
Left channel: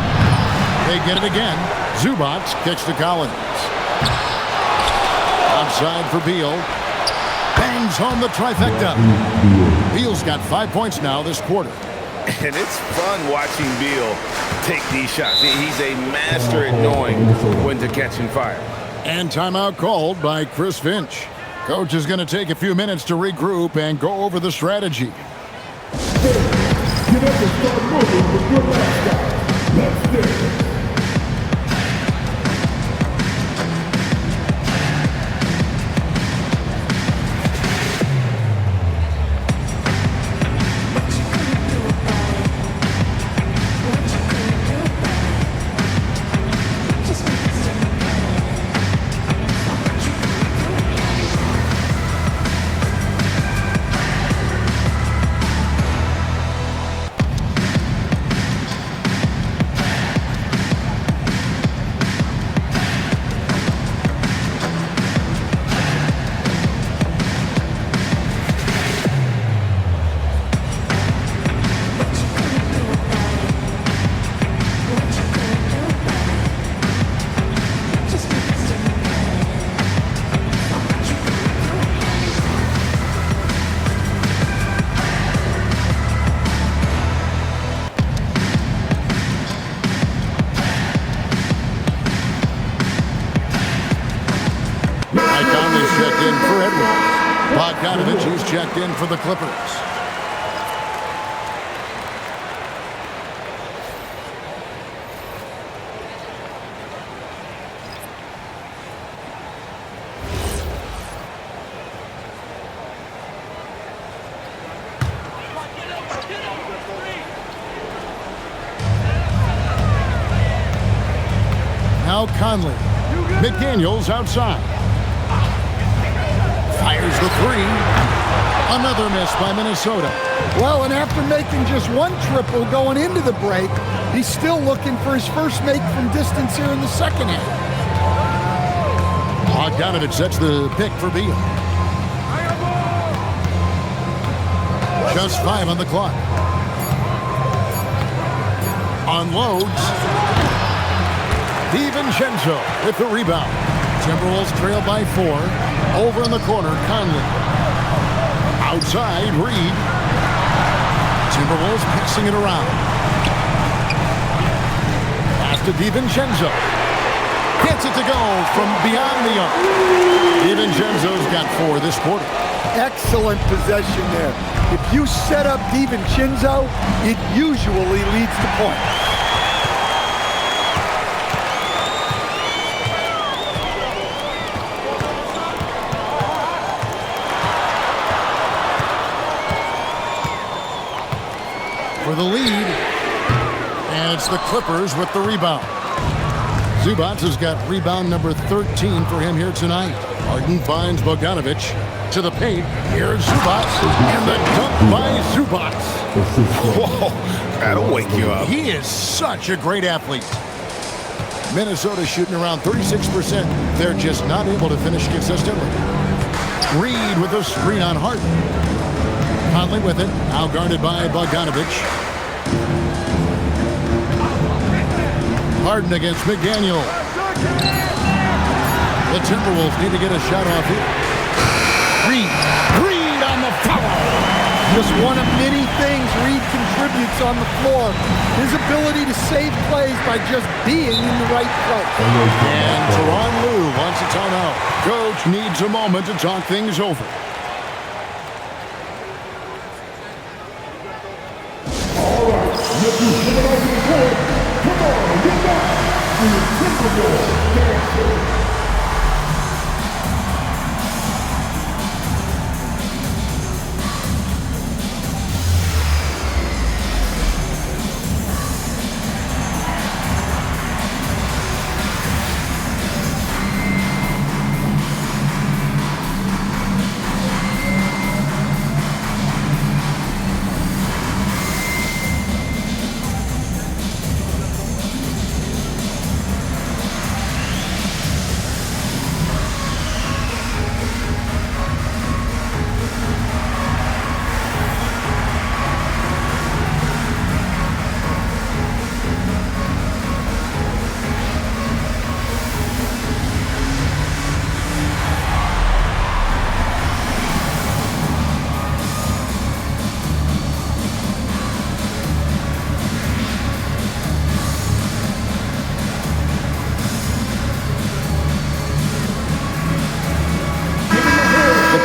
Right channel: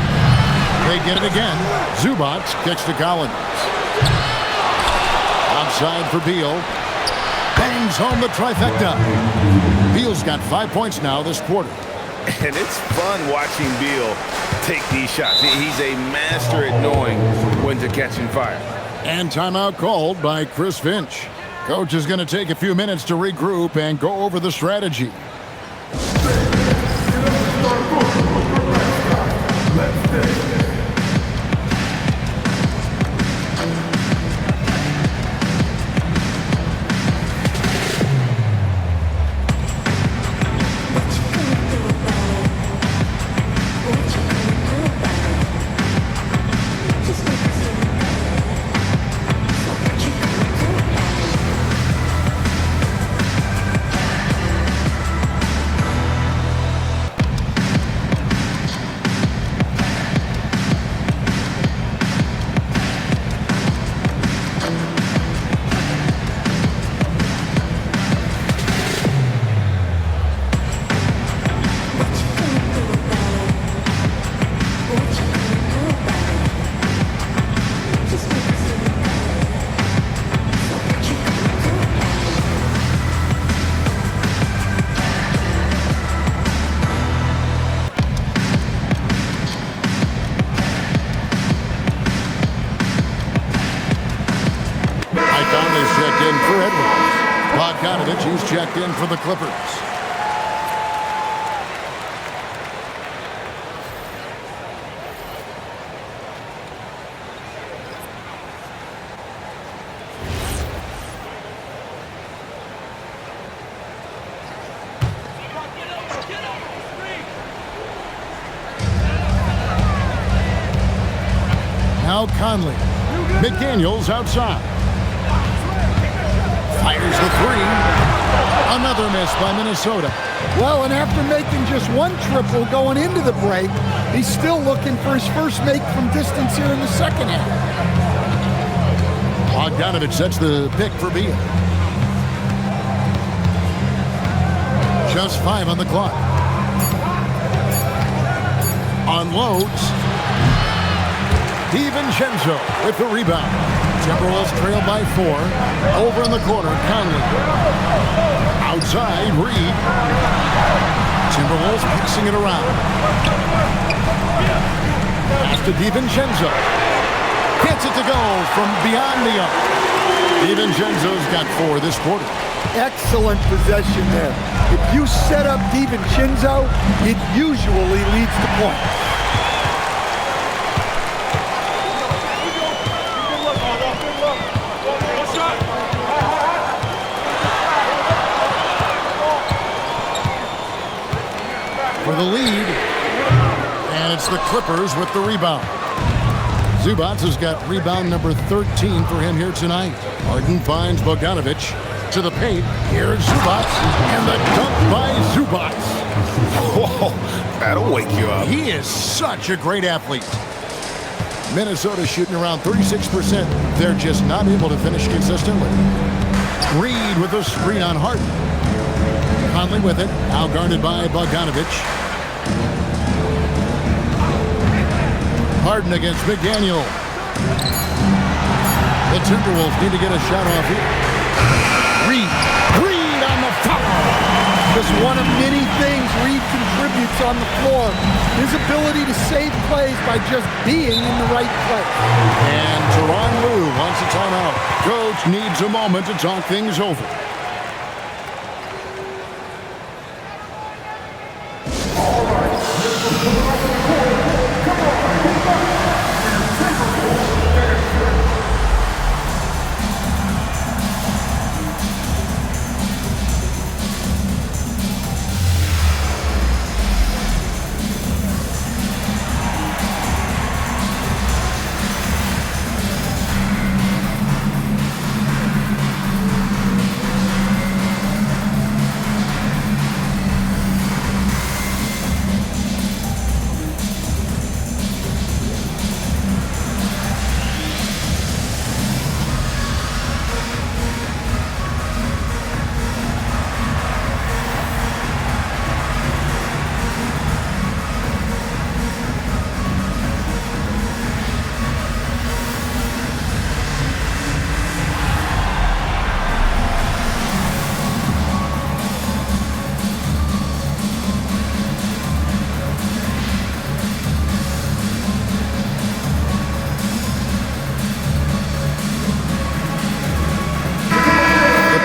They get it again. Zubac kicks to Collins. Outside for Beal. Bangs home the trifecta. Beal's got 5 points now this quarter. And it's fun watching Beal take these shots. He's a master at knowing when to catch and fire. And timeout called by Chris Finch. Coach is going to take a few minutes to regroup and go over the strategy. Conley's checked in for Edwards. Bogdanovich, he's checked in for the Clippers. Now Conley. McDaniels outside. Fires the 3. Another miss by Minnesota. Well, and after making just 1 triple going into the break, he's still looking for his first make from distance here in the second half. Bogdanovich sets the pick for Beal. Just 5 on the clock. Unloads. DiVincenzo with the rebound. Timberwolves trail by 4. Over in the corner, Conley. Outside, Reed. Timberwolves passing it around. Pass to DiVincenzo. Gets it to go from beyond the arc. DiVincenzo's got 4 this quarter. Excellent possession there. If you set up DiVincenzo, it usually leads to points. for the lead. And it's the Clippers with the rebound. Zubac has got rebound number 13 for him here tonight. Harden finds Bogdanovic to the paint. Here's Zubac, and the dunk by Zubac. Whoa, that'll wake you up. He is such a great athlete. Minnesota shooting around 36%. They're just not able to finish consistently. Reed with a screen on Harden. Conley with it, now guarded by Bogdanovic. Harden against McDaniel. The Timberwolves need to get a shot off here. Reed on the foul. Just one of many things Reed contributes on the floor. His ability to save plays by just being in the right place. And Tyronn Lue wants a timeout. Coach needs a moment to talk things over.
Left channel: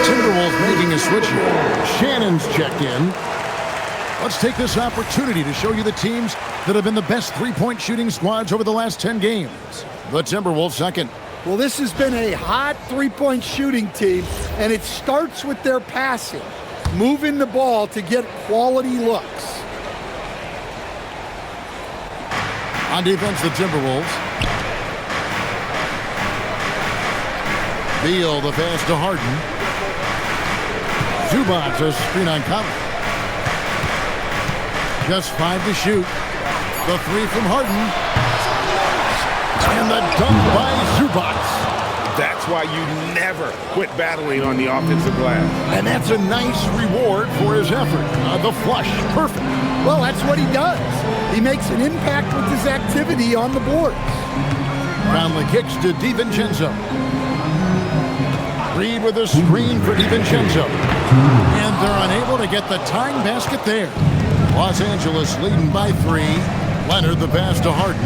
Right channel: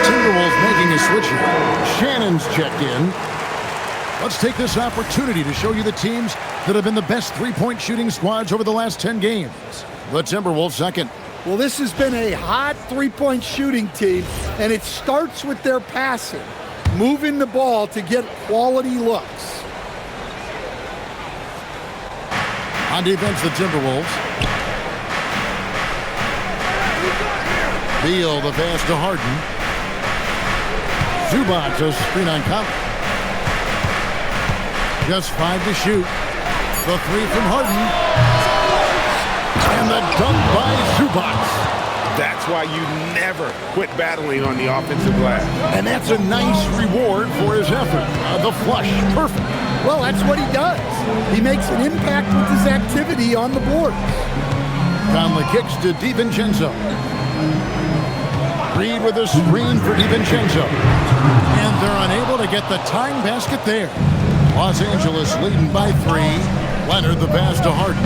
Timberwolves making a switch here. Shannon's checked in. Let's take this opportunity to show you the teams that have been the best three-point shooting squads over the last 10 games. The Timberwolves second. Well, this has been a hot three-point shooting team, and it starts with their passing, moving the ball to get quality looks. On defense, the Timberwolves. Beal, the pass to Harden. Zubac, a screen on Conley. Just 5 to shoot. The three from Harden. And the dunk by Zubac. That's why you never quit battling on the offensive glass. And that's a nice reward for his effort. The flush, perfect. Well, that's what he does. He makes an impact with his activity on the boards. Conley kicks to DiVincenzo. Reed with a screen for DiVincenzo. And they're unable to get the tying basket there. Los Angeles leading by 3. Leonard the pass to Harden.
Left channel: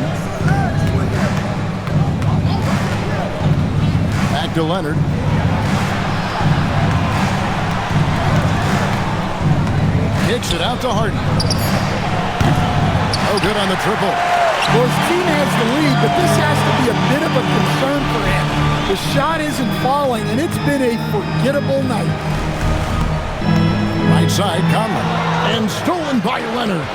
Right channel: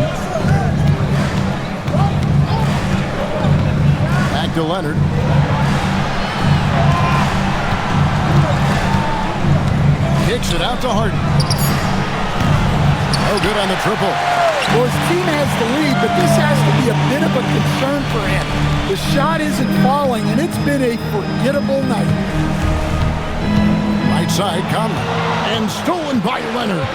Back to Leonard. Kicks it out to Harden. Oh, good on the triple. Well, his team has the lead, but this has to be a bit of a concern for him. The shot isn't falling, and it's been a forgettable night. Right side, Conley. And stolen by Leonard.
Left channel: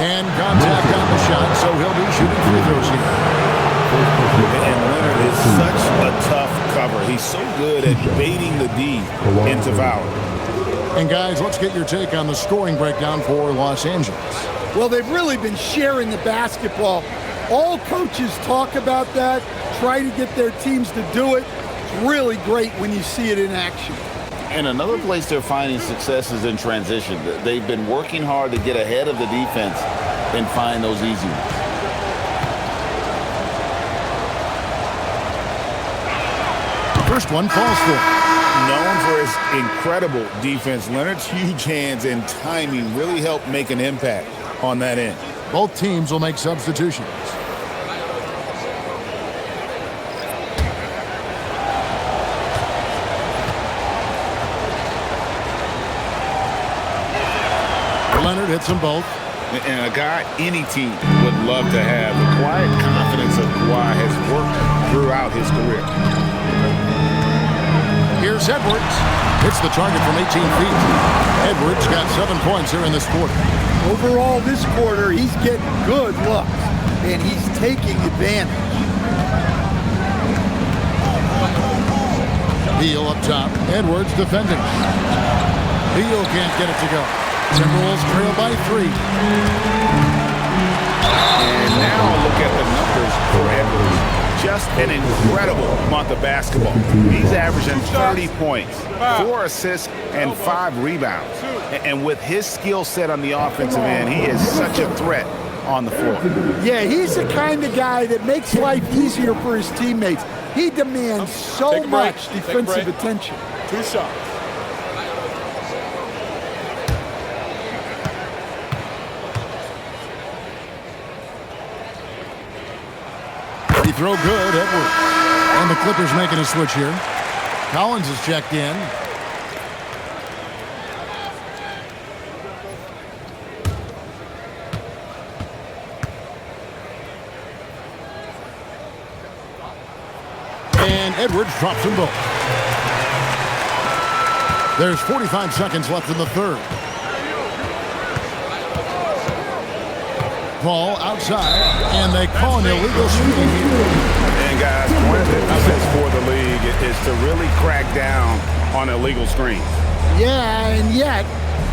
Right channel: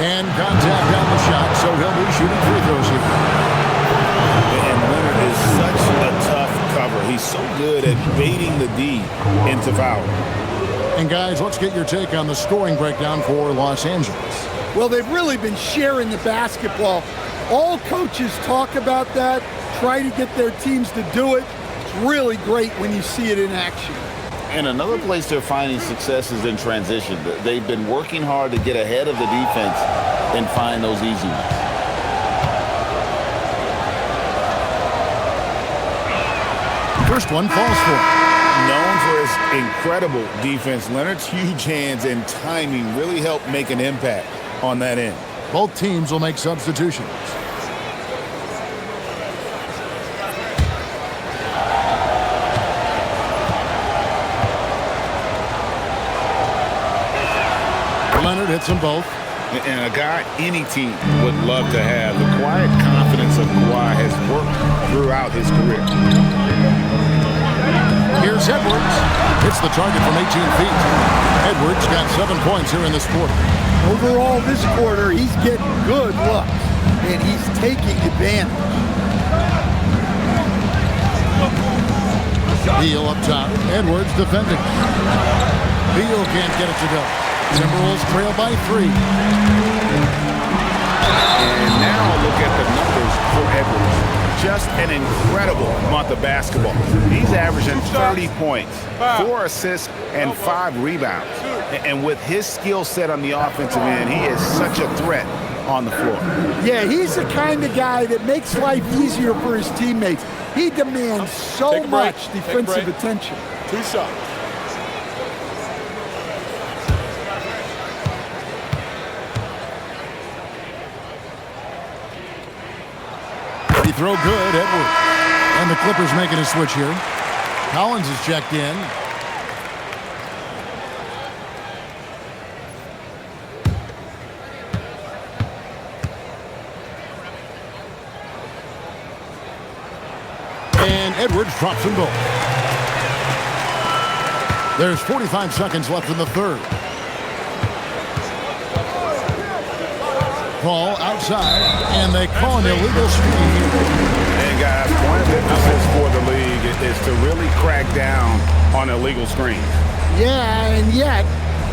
And contact on the shot, so he'll be shooting free throws here. And Leonard is such a tough cover. He's so good at baiting the D into fouling. And guys, let's get your take on the scoring breakdown for Los Angeles. Well, they've really been sharing the basketball. All coaches talk about that, try to get their teams to do it. It's really great when you see it in action. And another place they're finding success is in transition. They've been working hard to get ahead of the defense and find those easy ones. First one falls for him. Known for his incredible defense, Leonard's huge hands and timing really help make an impact on that end. Both teams will make substitutions. Leonard hits them both. And a guy any team would love to have. The quiet confidence of Kawhi has worked throughout his career. Here's Edwards. Hits the target from 18 feet. Edwards got 7 points here in this quarter. Overall, this quarter, he's getting good looks, and he's taking advantage. Beal up top. Edwards defending. Beal can't get it to go. Timberwolves trail by 3. And now look at the numbers for Edwards. Just an incredible month of basketball. He's averaging 30 points, 4 assists, and 5 rebounds. And with his skill set on the offensive end, he is such a threat on the floor. Yeah, he's the kind of guy that makes life easier for his teammates. He demands so much defensive attention. 2 shots. Free throw good, Edwards. And the Clippers making a switch here. Collins is checked in. And Edwards drops them both. There's 45 seconds left in the third. Ball outside, and they call an illegal screen here. And guys, point of emphasis for the league is to really crack down on illegal screens. Yeah, and yet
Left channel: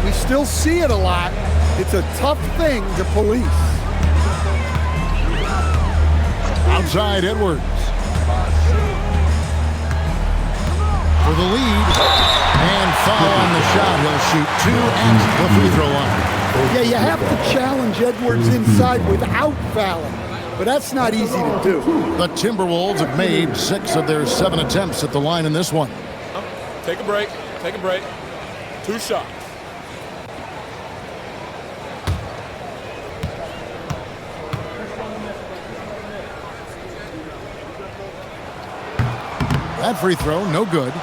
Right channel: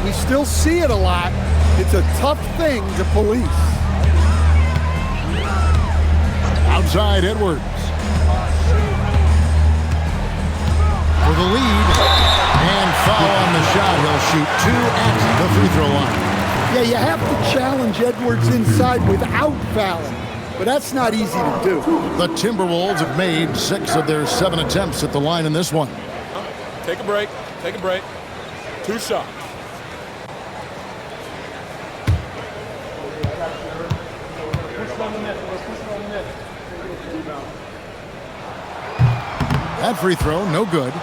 we still see it a lot. It's a tough thing to police. Outside Edwards. For the lead, and foul on the shot. He'll shoot 2 at the free throw line. Yeah, you have to challenge Edwards inside without fouling, but that's not easy to do. The Timberwolves have made 6 of their 7 attempts at the line in this one. Take a break. Take a break. 2 shots. That free throw, no good.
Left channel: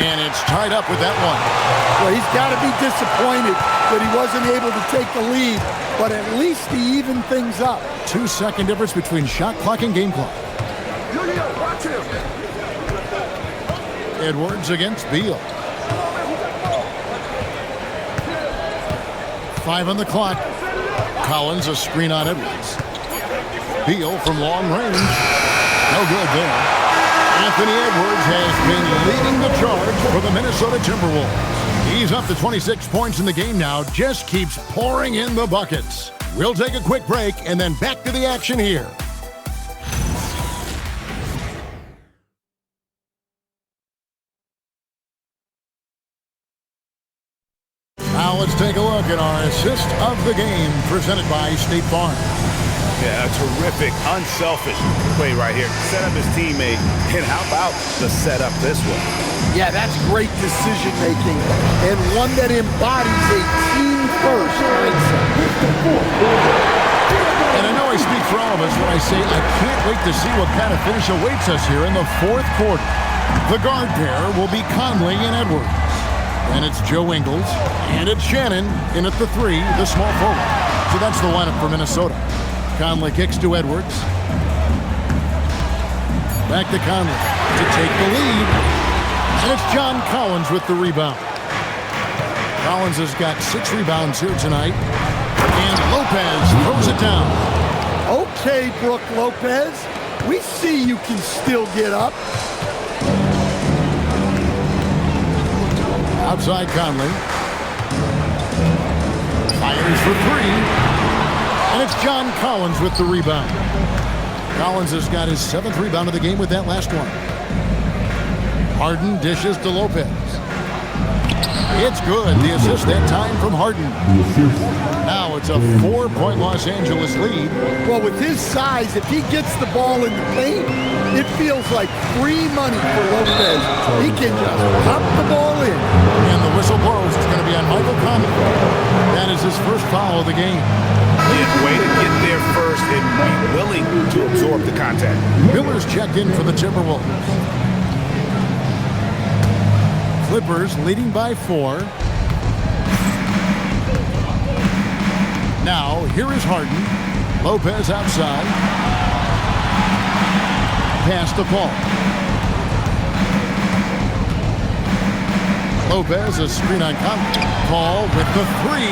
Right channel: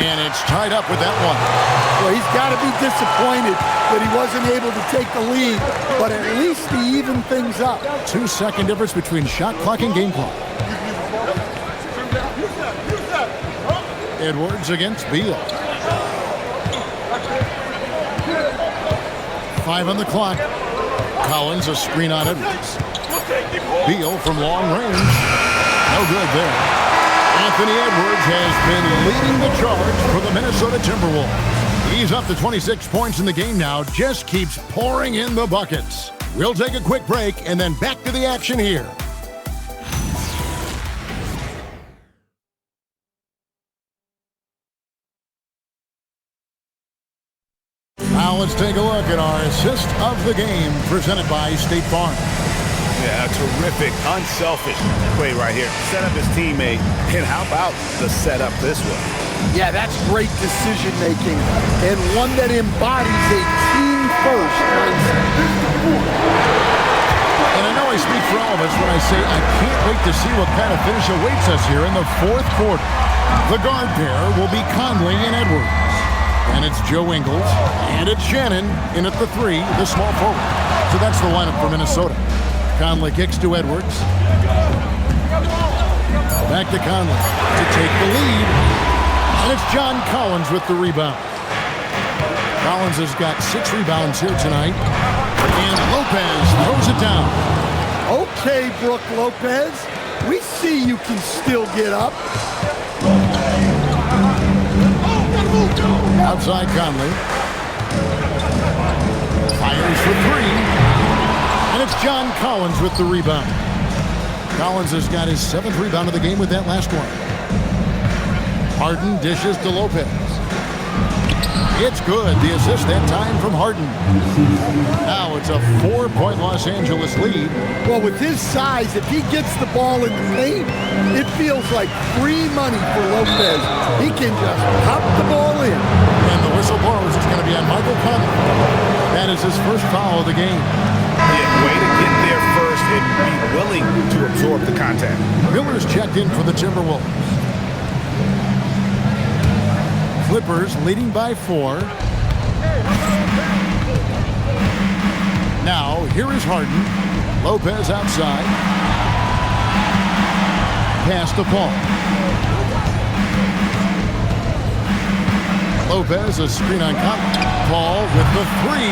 And it's tied up with that one. Well, he's got to be disappointed that he wasn't able to take the lead, but at least he evened things up. 2-second difference between shot clock and game clock. Edwards against Beal. 5 on the clock. Collins a screen on Edwards. Beal from long range. No good there. Anthony Edwards has been leading the charge for the Minnesota Timberwolves. He's up to 26 points in the game now, just keeps pouring in the buckets. We'll take a quick break and then back to the action here. Now let's take a look at our assist of the game presented by State Farm. Yeah, a terrific, unselfish play right here. Set up his teammate, and how about the setup this way? Yeah, that's great decision-making, and one that embodies a team-first mindset. And I know I speak for all of us when I say I can't wait to see what kind of finish awaits us here in the fourth quarter. The guard pair will be Conley and Edwards. And it's Joe Ingles, and it's Shannon in at the 3, the small forward. So that's the lineup for Minnesota. Conley kicks to Edwards. Back to Conley to take the lead. And it's John Collins with the rebound. Collins has got 6 rebounds here tonight. And Lopez throws it down. Okay, Brook Lopez. We see you can still get up. Outside Conley. Fires for 3. And it's John Collins with the rebound. Collins has got his 7th rebound of the game with that last one. Harden dishes to Lopez. It's good. The assist that time from Harden. Now it's a 4-point Los Angeles lead. Well, with his size, if he gets the ball in the paint, it feels like free money for Lopez. He can just pop the ball in. And the whistle blows. It's going to be on Michael Conley. That is his first foul of the game. Yeah, way to get there first and be willing to absorb the contact. Miller's checked in for the Timberwolves. Clippers leading by 4. Now, here is Harden. Lopez outside. Pass to Paul. Lopez, a screen on Conley. Paul with the 3.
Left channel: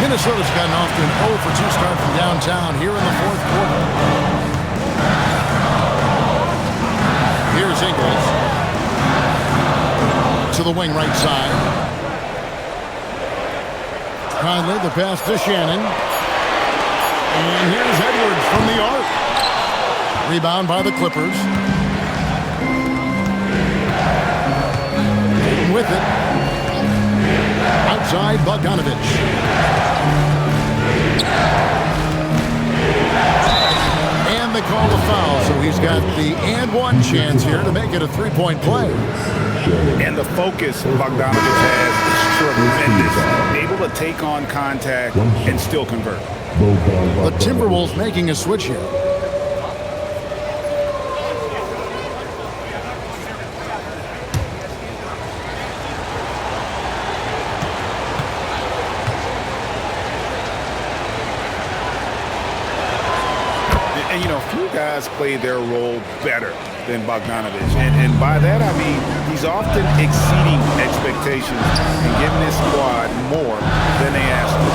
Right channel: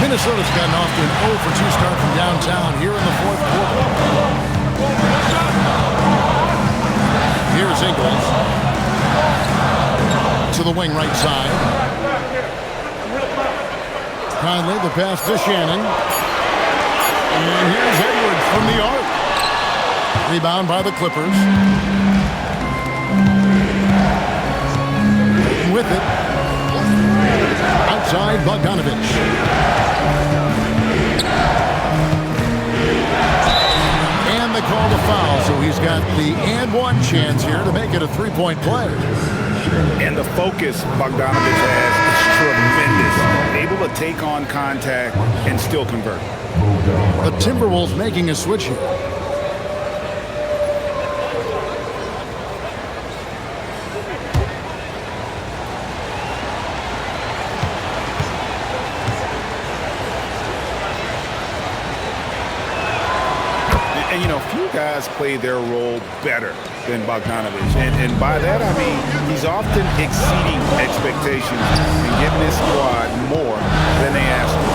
Minnesota's gotten off to an 0 for 2 start from downtown here in the fourth quarter. Here's Ingles to the wing right side. Conley, the pass to Shannon. And here's Edwards from the arc. Rebound by the Clippers. With it. Outside, Bogdanovich. And they call the foul, so he's got the and one chance here to make it a three-point play. And the focus Bogdanovich has is tremendous. Able to take on contact and still convert. The Timberwolves making a switch here. And, you know, few guys play their role better than Bogdanovich. And by that, I mean, he's often exceeding expectations and giving his squad more than they asked for.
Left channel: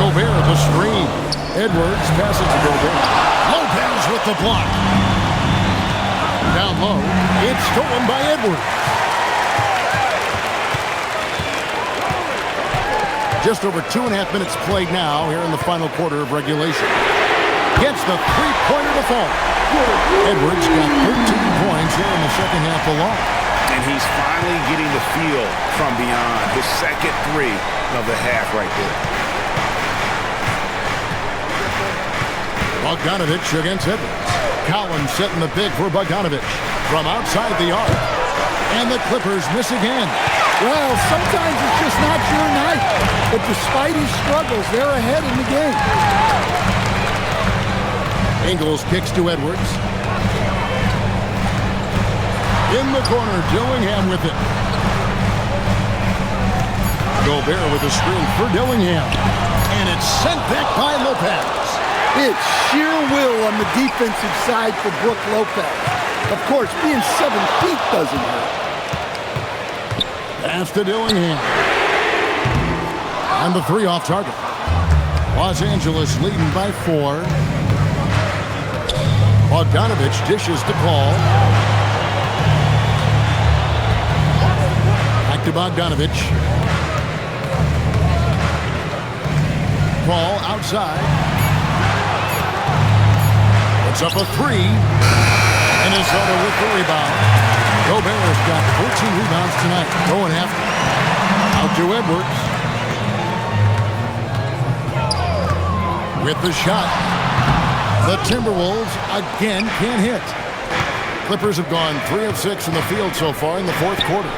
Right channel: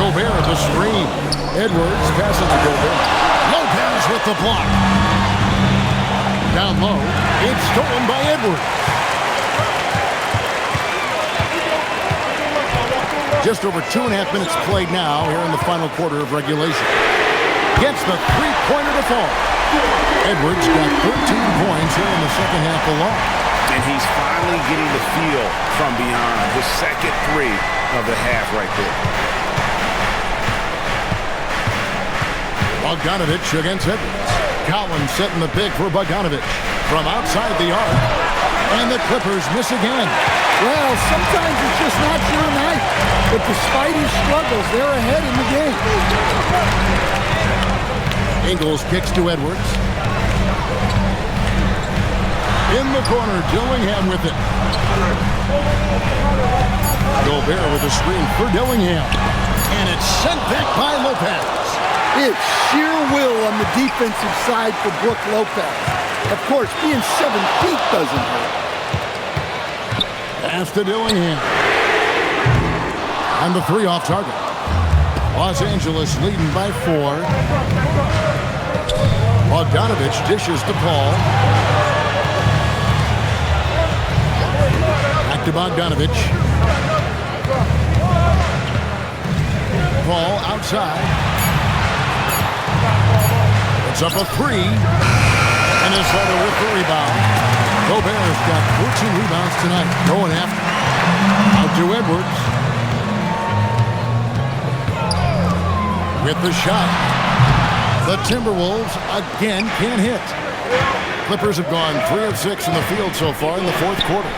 Gobert at the screen. Edwards passes to Gobert. Lopez with the block. Down low. It's stolen by Edwards. Just over 2.5 minutes played now here in the final quarter of regulation. Gets the three-pointer to fall. Edwards got 13 points here in the second half alone. And he's finally getting the feel from beyond. His second 3 of the half right there. Bogdanovich against Edwards. Collins setting the pick for Bogdanovich from outside the arc. And the Clippers miss again. Well, sometimes it's just not your night. But despite his struggles, they're ahead in the game. Ingles kicks to Edwards. In the corner, Dillingham with it. Gobert with a screen for Dillingham. And it's sent back by Lopez. It's sheer will on the defensive side for Brook Lopez. Of course, being 7 feet doesn't hurt. Pass to Dillingham. And the 3 off target. Los Angeles leading by 4. Bogdanovich dishes to Paul. Back to Bogdanovich. Paul outside. Puts up a 3. Minnesota with the rebound. Gobert's got 14 rebounds tonight. Going after. Out to Edwards. With the shot. The Timberwolves again can't hit. Clippers have gone 3 of 6 in the field so far in the fourth quarter.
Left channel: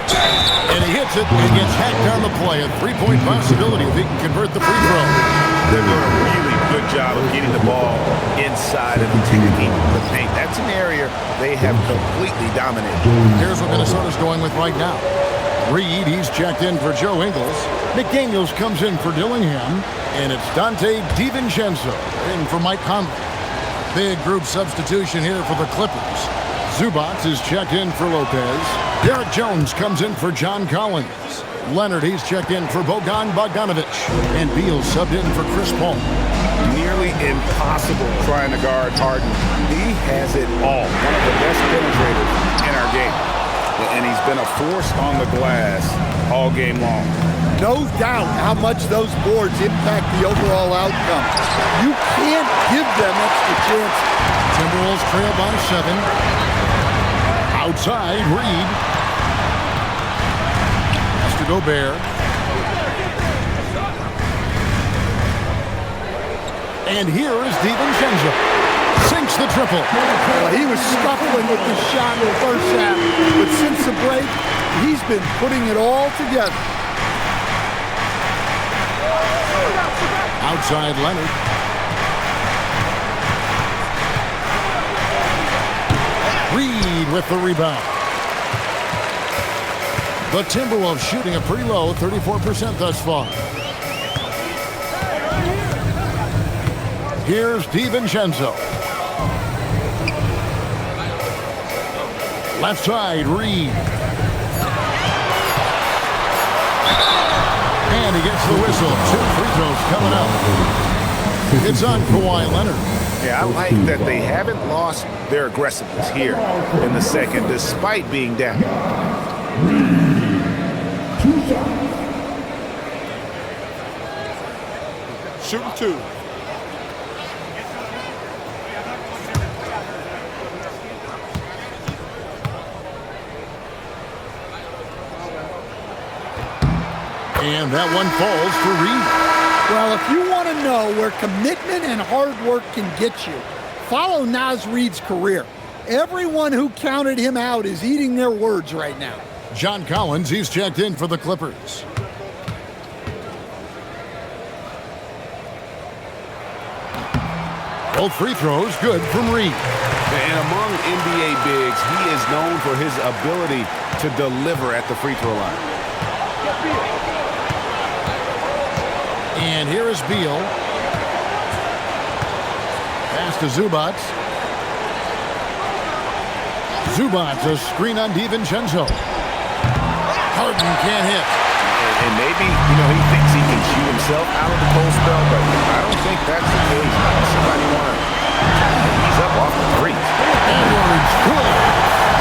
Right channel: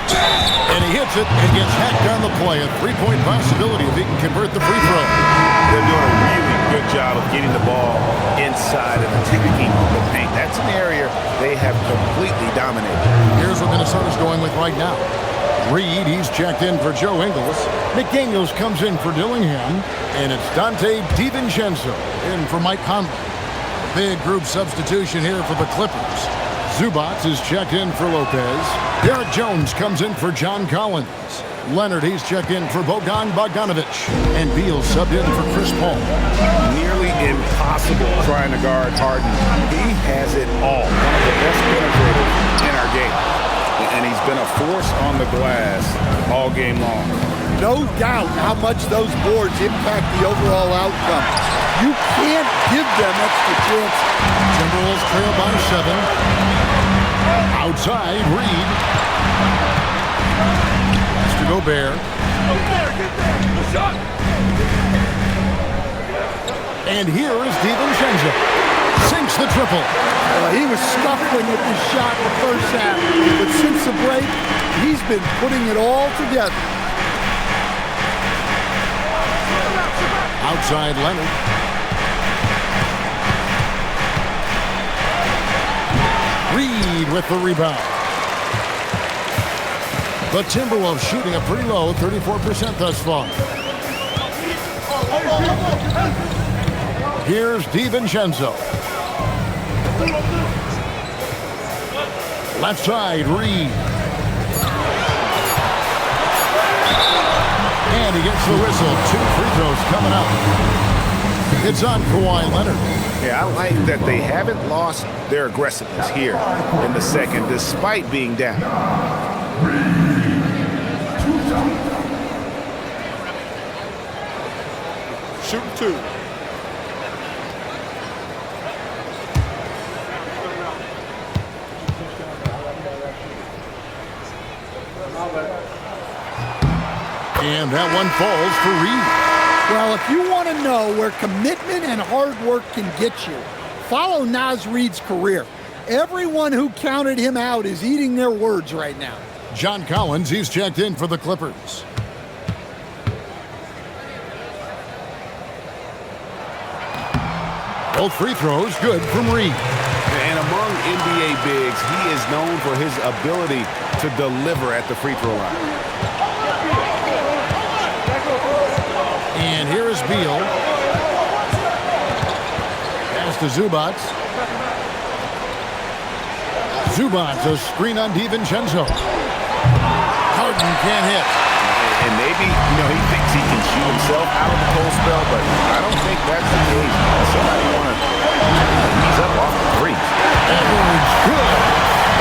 And he hits it and gets hacked on the play. A 3-point possibility if he can convert the free throw. They're doing a really good job of getting the ball inside and attacking the paint. That's an area they have completely dominated. Here's what Minnesota's going with right now. Reed, he's checked in for Joe Ingles. McDaniels comes in for Dillingham. And it's Dante DiVincenzo in for Mike Conley. Big group substitution here for the Clippers. Zubac is checked in for Lopez. Derek Jones comes in for John Collins. Leonard, he's checked in for Bogan Bogdanovich. And Beal subbed in for Chris Paul. Nearly impossible trying to guard Harden. He has it all. One of the best penetrators in our game. And he's been a force on the glass all game long. No doubt how much those boards impact the overall outcome. You can't give them extra chances. Timberwolves trail by 7. Outside, Reed. Pass to Gobert. And here is DiVincenzo. Sinks the triple. Well, he was scuffling with this shot in the first half. But since the break, he's been putting it all together. Outside Leonard. Reed with the rebound. The Timberwolves shooting a pretty low 34% thus far. Here's DiVincenzo. Left side, Reed. And he gets the whistle. 2 free throws coming up. It's on Kawhi Leonard. Yeah, I like that they haven't lost their aggressiveness here in the second, despite being down. Shooting 2. And that one falls for Reed. Well, if you want to know where commitment and hard work can get you, follow Naz Reid's career. Everyone who counted him out is eating their words right now. John Collins, he's checked in for the Clippers. Both free throws good from Reed. And among NBA bigs, he is known for his ability to deliver at the free throw line. And here is Beal. Pass to Zubac. Zubac, a screen on DiVincenzo. Harden can't hit. And maybe, he thinks he can shoot himself out of the cold spell, but I don't think that's the case. Somebody want to ease up off the threes. Edwards, good.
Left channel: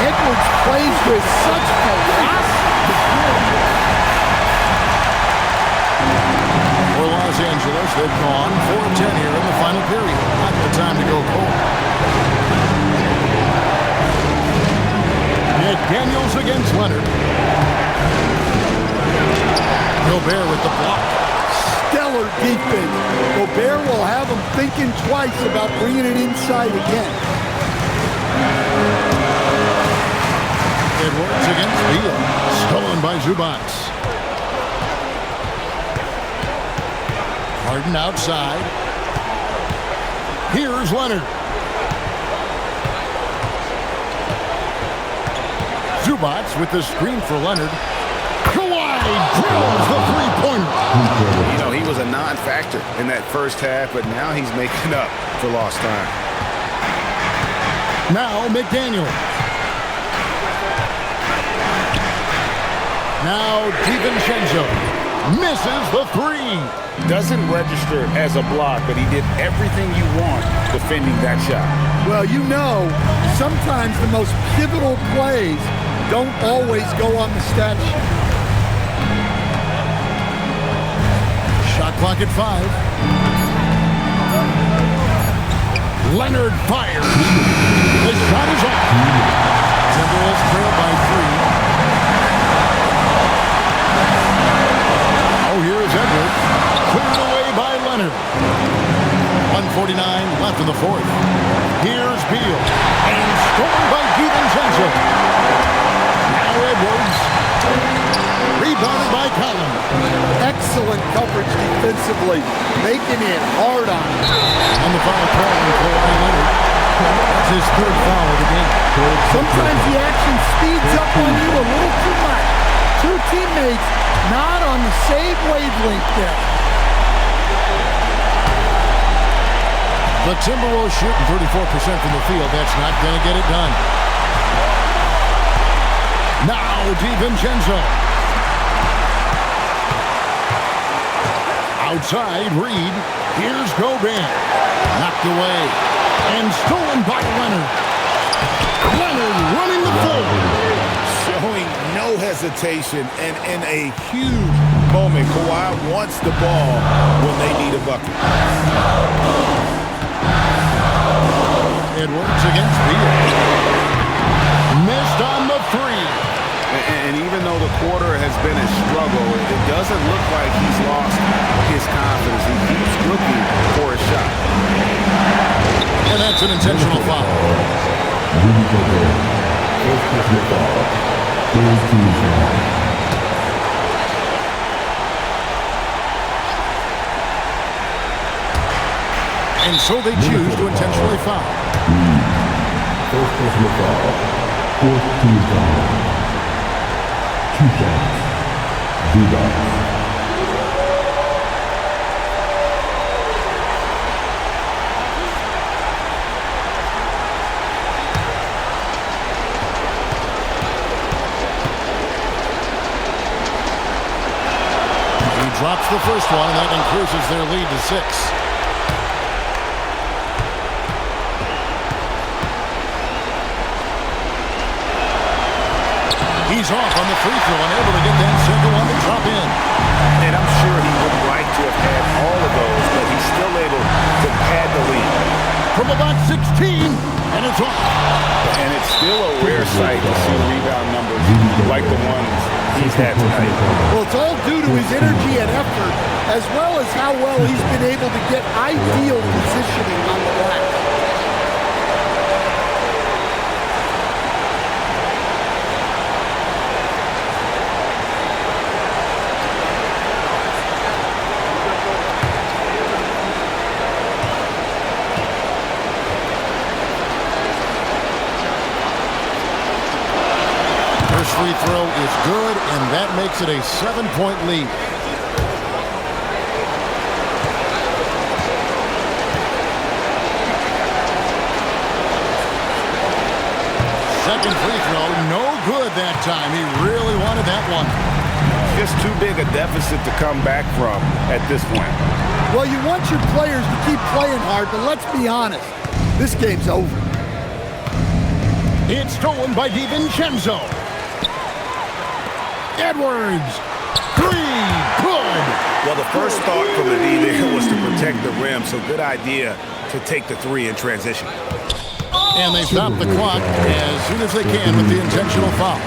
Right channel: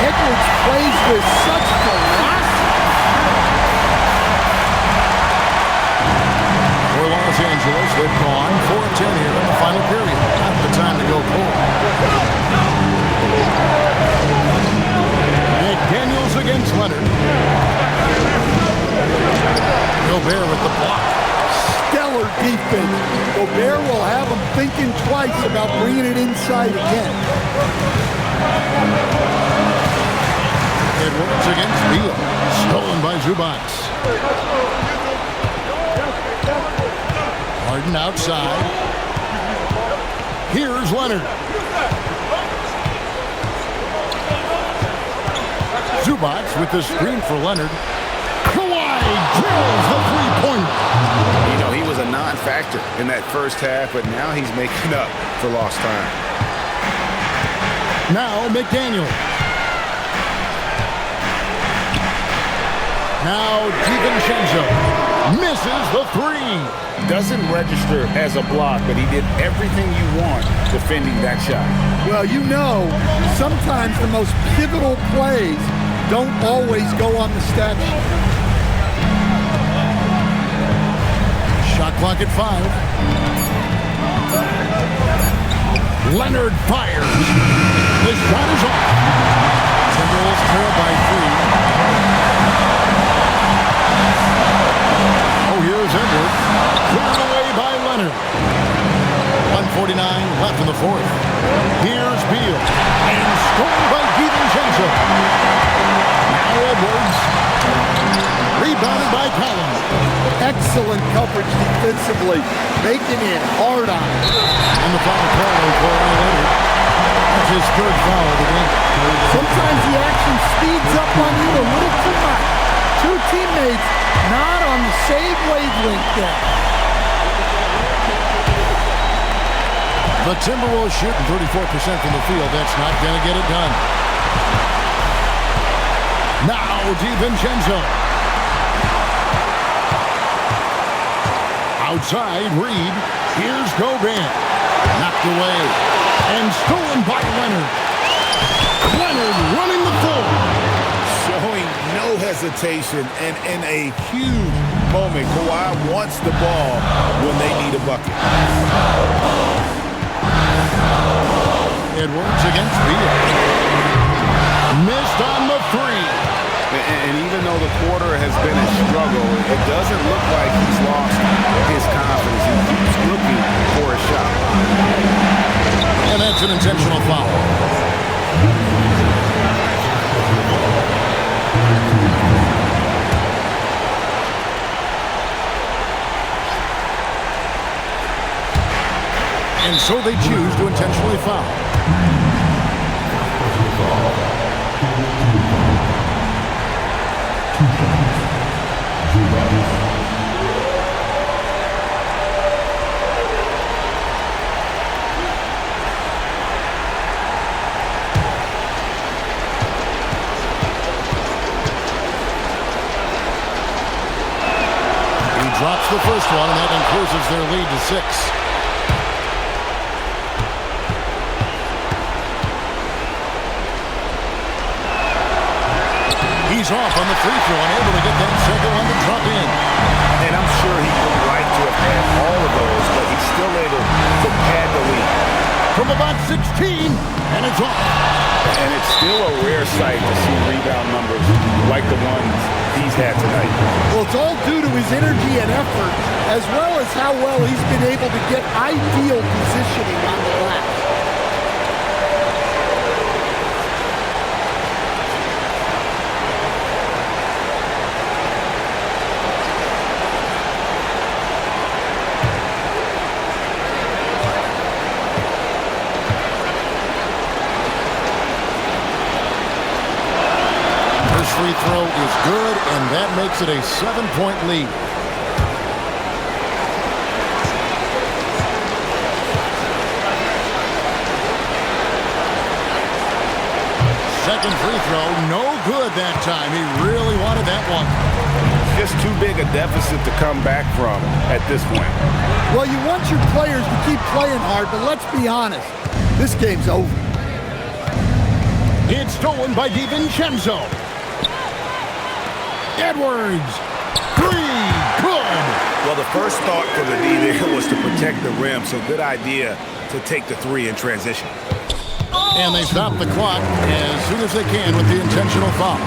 Edwards plays with such velocity. For Los Angeles, they've gone 4 of 10 here in the final period. Not the time to go cold. McDaniels against Leonard. Gobert with the block. Stellar defense. Gobert will have him thinking twice about bringing it inside again. Edwards against Beal. Stolen by Zubac. Harden outside. Here's Leonard. Zubac with the screen for Leonard. Kawhi drills the three-pointer. He was a non-factor in that first half, but now he's making up for lost time. Now McDaniels. Now DiVincenzo misses the 3. Doesn't register as a block, but he did everything you want defending that shot. Well, sometimes the most pivotal plays don't always go on the stat sheet. Shot clock at 5. Leonard fires. The shot is off. Timberwolves trail by 3. Oh, here's Edwards. Cleared away by Leonard. 1:49 left in the 4th. Here's Beal. And stolen by DiVincenzo. Now Edwards. Rebounded by Collins. Excellent coverage defensively, making it hard on him. And the foul call on Kawhi Leonard. That's his 3rd foul of the game. Sometimes the action speeds up on you a little too much. 2 teammates not on the same wavelength there. The Timberwolves shooting 34% from the field. That's not going to get it done. Now DiVincenzo. Outside, Reed. Here's Gobert. Knocked away. And stolen by Leonard. Leonard running the floor. Showing no hesitation, and in a huge moment, Kawhi wants the ball when they need a bucket. Edwards against Beal. Missed on the 3. And even though the quarter has been a struggle, it doesn't look like he's lost his confidence. He keeps looking for a shot. And that's an intentional foul. And so they choose to intentionally foul. He drops the first one, and that increases their lead to 6. He's off on the free throw and able to get that second one to drop in. And I'm sure he would like to have had all of those, but he's still able to pad the lead. From about 16, and it's off. And it's still a rare sight to see rebound numbers like the ones he's had tonight. Well, it's all due to his energy and effort, as well as how well he's been able to get ideal positioning on the glass. First free throw is good, and that makes it a 7-point lead. Second free throw, no good that time. He really wanted that one. Just too big a deficit to come back from at this point. Well, you want your players to keep playing hard, but let's be honest, this game's over. It's stolen by DiVincenzo. Edwards, 3, good. Well, the first thought from the D there was to protect the rim, so good idea to take the 3 in transition. And they stop the clock as soon as they can with the intentional foul.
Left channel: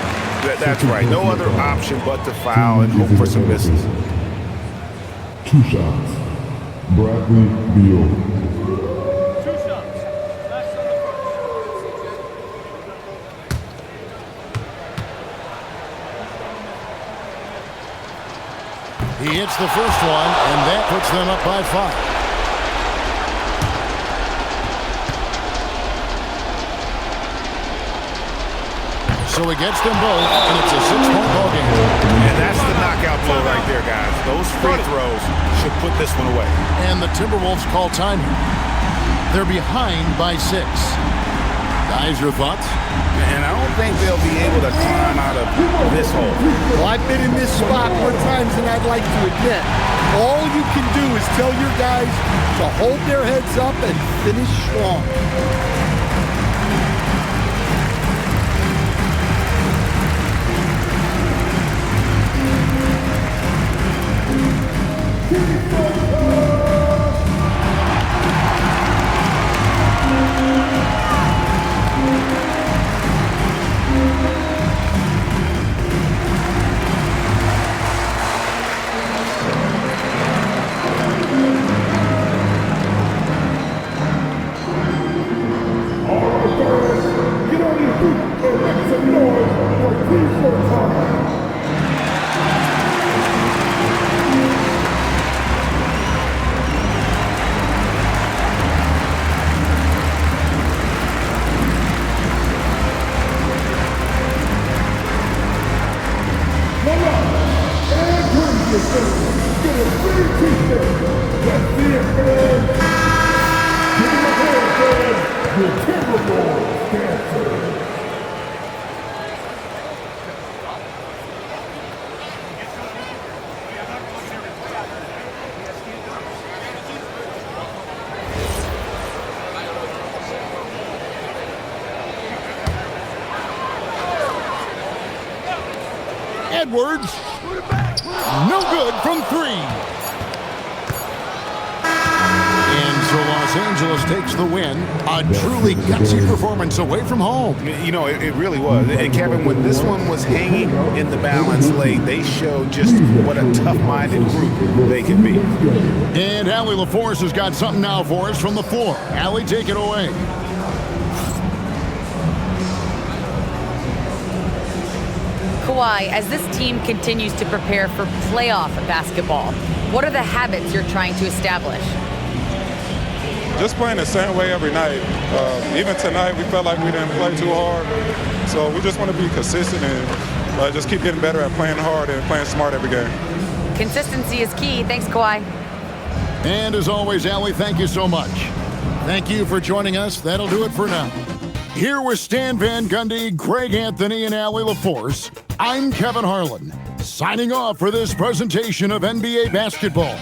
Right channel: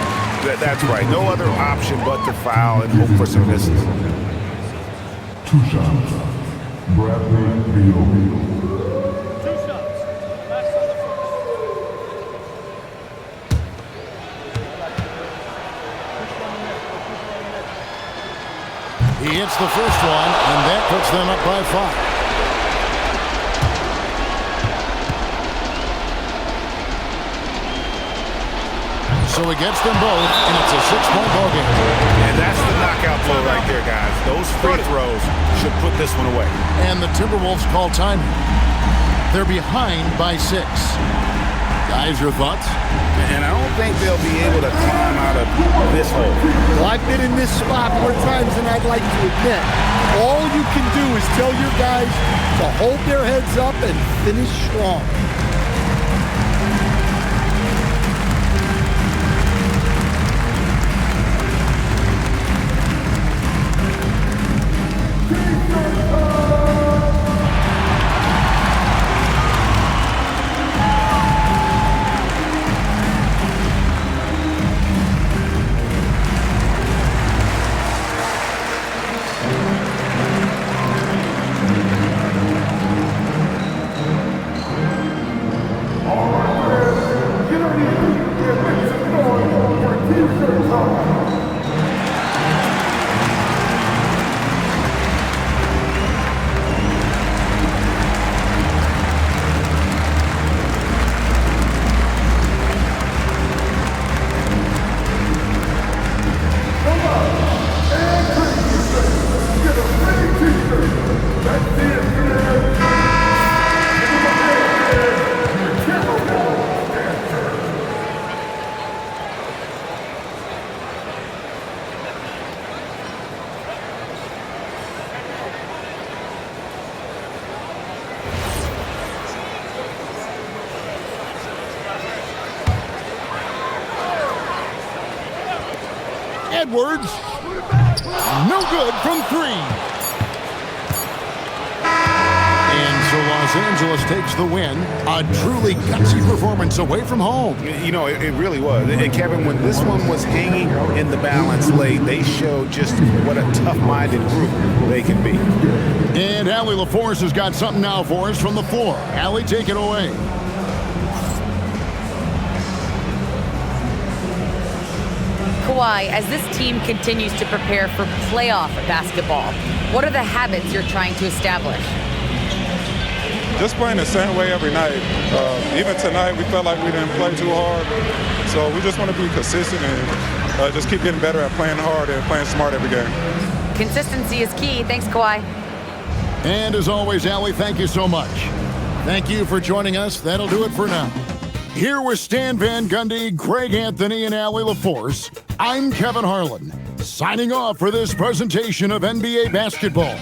That's right. No other option but to foul and hope for some misses. 2 shots. Bradley Beal. 2 shots. Last on the first. He hits the first one, and that puts them up by 5. So he gets them both, and it's a 6-point ball game. And that's the knockout blow right there, guys. Those free throws should put this one away. And the Timberwolves call time here. They're behind by 6. Guys, your thoughts? And I don't think they'll be able to climb out of this hole. Well, I've been in this spot more times than I'd like to admit. All you can do is tell your guys to hold their heads up and finish strong. Edwards, no good from 3. And so Los Angeles takes the win. A truly gutsy performance away from home. You know, it really was. And Kevin, when this one was hanging in the balance late, they showed just what a tough-minded group they can be. And Allie LaForce has got something now for us from the floor. Allie, take it away. Kawhi, as this team continues to prepare for playoff basketball, what are the habits you're trying to establish? Just playing the same way every night. Even tonight, we felt like we didn't play too hard. So we just want to be consistent and just keep getting better at playing hard and playing smart every game. Consistency is key. Thanks, Kawhi. And as always, Allie, thank you so much. Thank you for joining us. That'll do it for now. Here with Stan Van Gundy, Greg Anthony, and Allie LaForce, I'm Kevin Harlan, signing off for this presentation of NBA basketball.